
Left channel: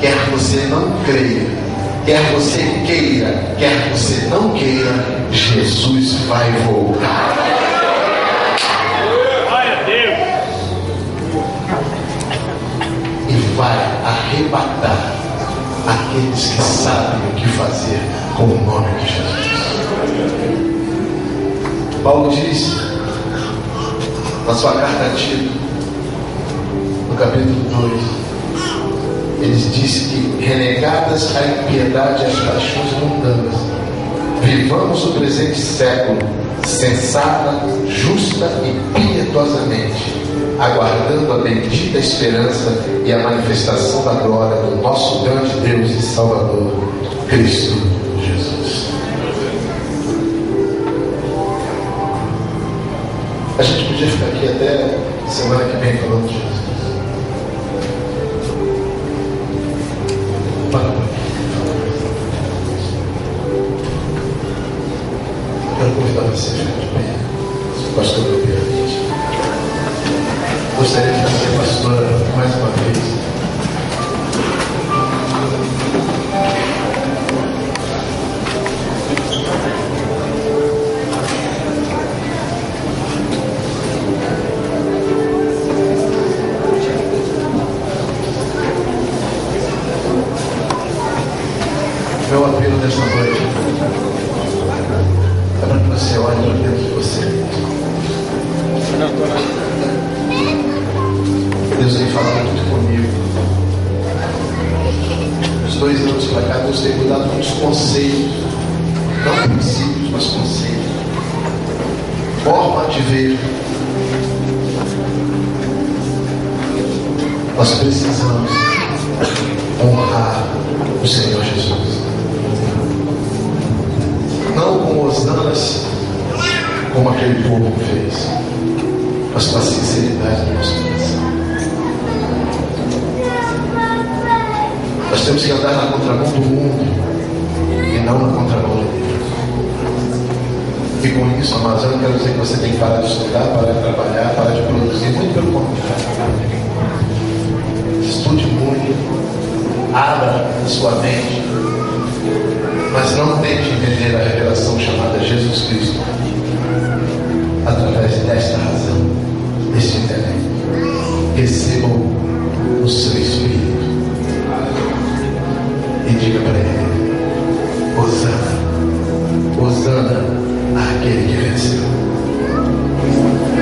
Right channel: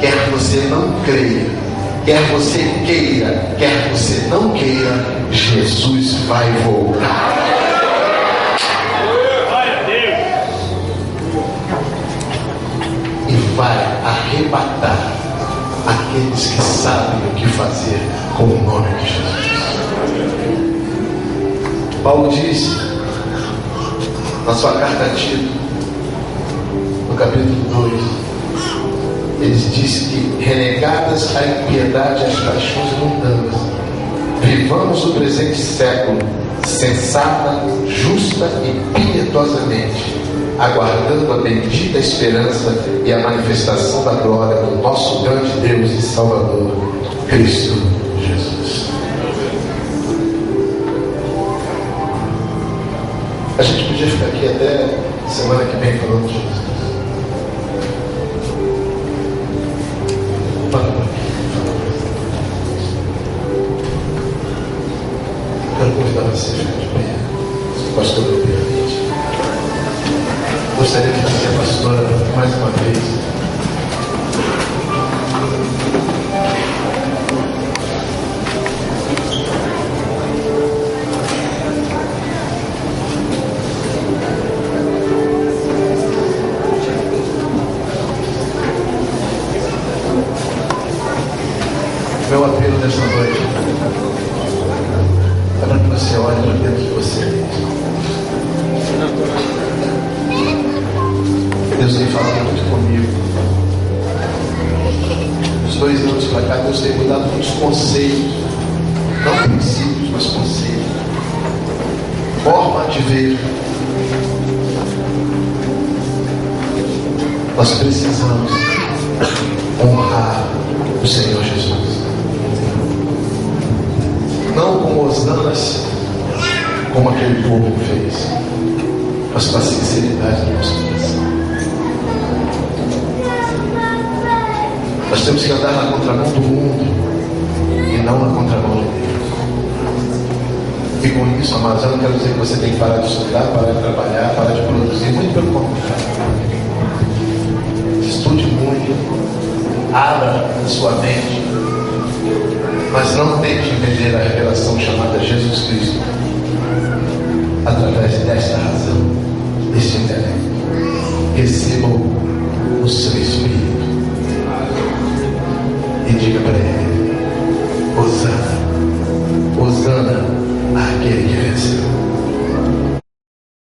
quer você não creia, quer você queira, quer você não queira, Jesus vai voltar. E vai arrebatar aqueles que sabem o que fazer com o nome de Jesus. Paulo disse na sua carta a Tito, no capítulo 2, ele disse que renegadas a impiedade e as paixões mundanas, vivamos o presente século sensata, justa e piedosamente, aguardando a bendita esperança e a manifestação da glória do nosso grande Deus e Salvador, Cristo Jesus. A gente podia ficar aqui até semana que vem falando de Jesus. Quero convidar você a ficar de pé. Pastor, me permite. Gostaria de trazer a pastora mais uma vez. Meu apelo nessa noite é para que você olhe para dentro de você. Deus tem falado muito comigo. Os 2 anos para cá, Deus tem mudado muitos conceitos, não princípios, mas conceitos, forma de ver. Nós precisamos honrar o Senhor Jesus. Não com hosanas, como aquele povo fez, mas com a sinceridade do nosso coração. Nós temos que andar na contramão do mundo e não na contramão de Deus. E com isso, amados, eu não quero dizer que você tem que parar de estudar, parar de trabalhar, parar de produzir, muito pelo contrário. Estude muito, abra a sua mente, mas não tente entender a revelação chamada Jesus Cristo através desta razão, deste intelecto. Recebam o seu Espírito e diga para ele: Hosana, Hosana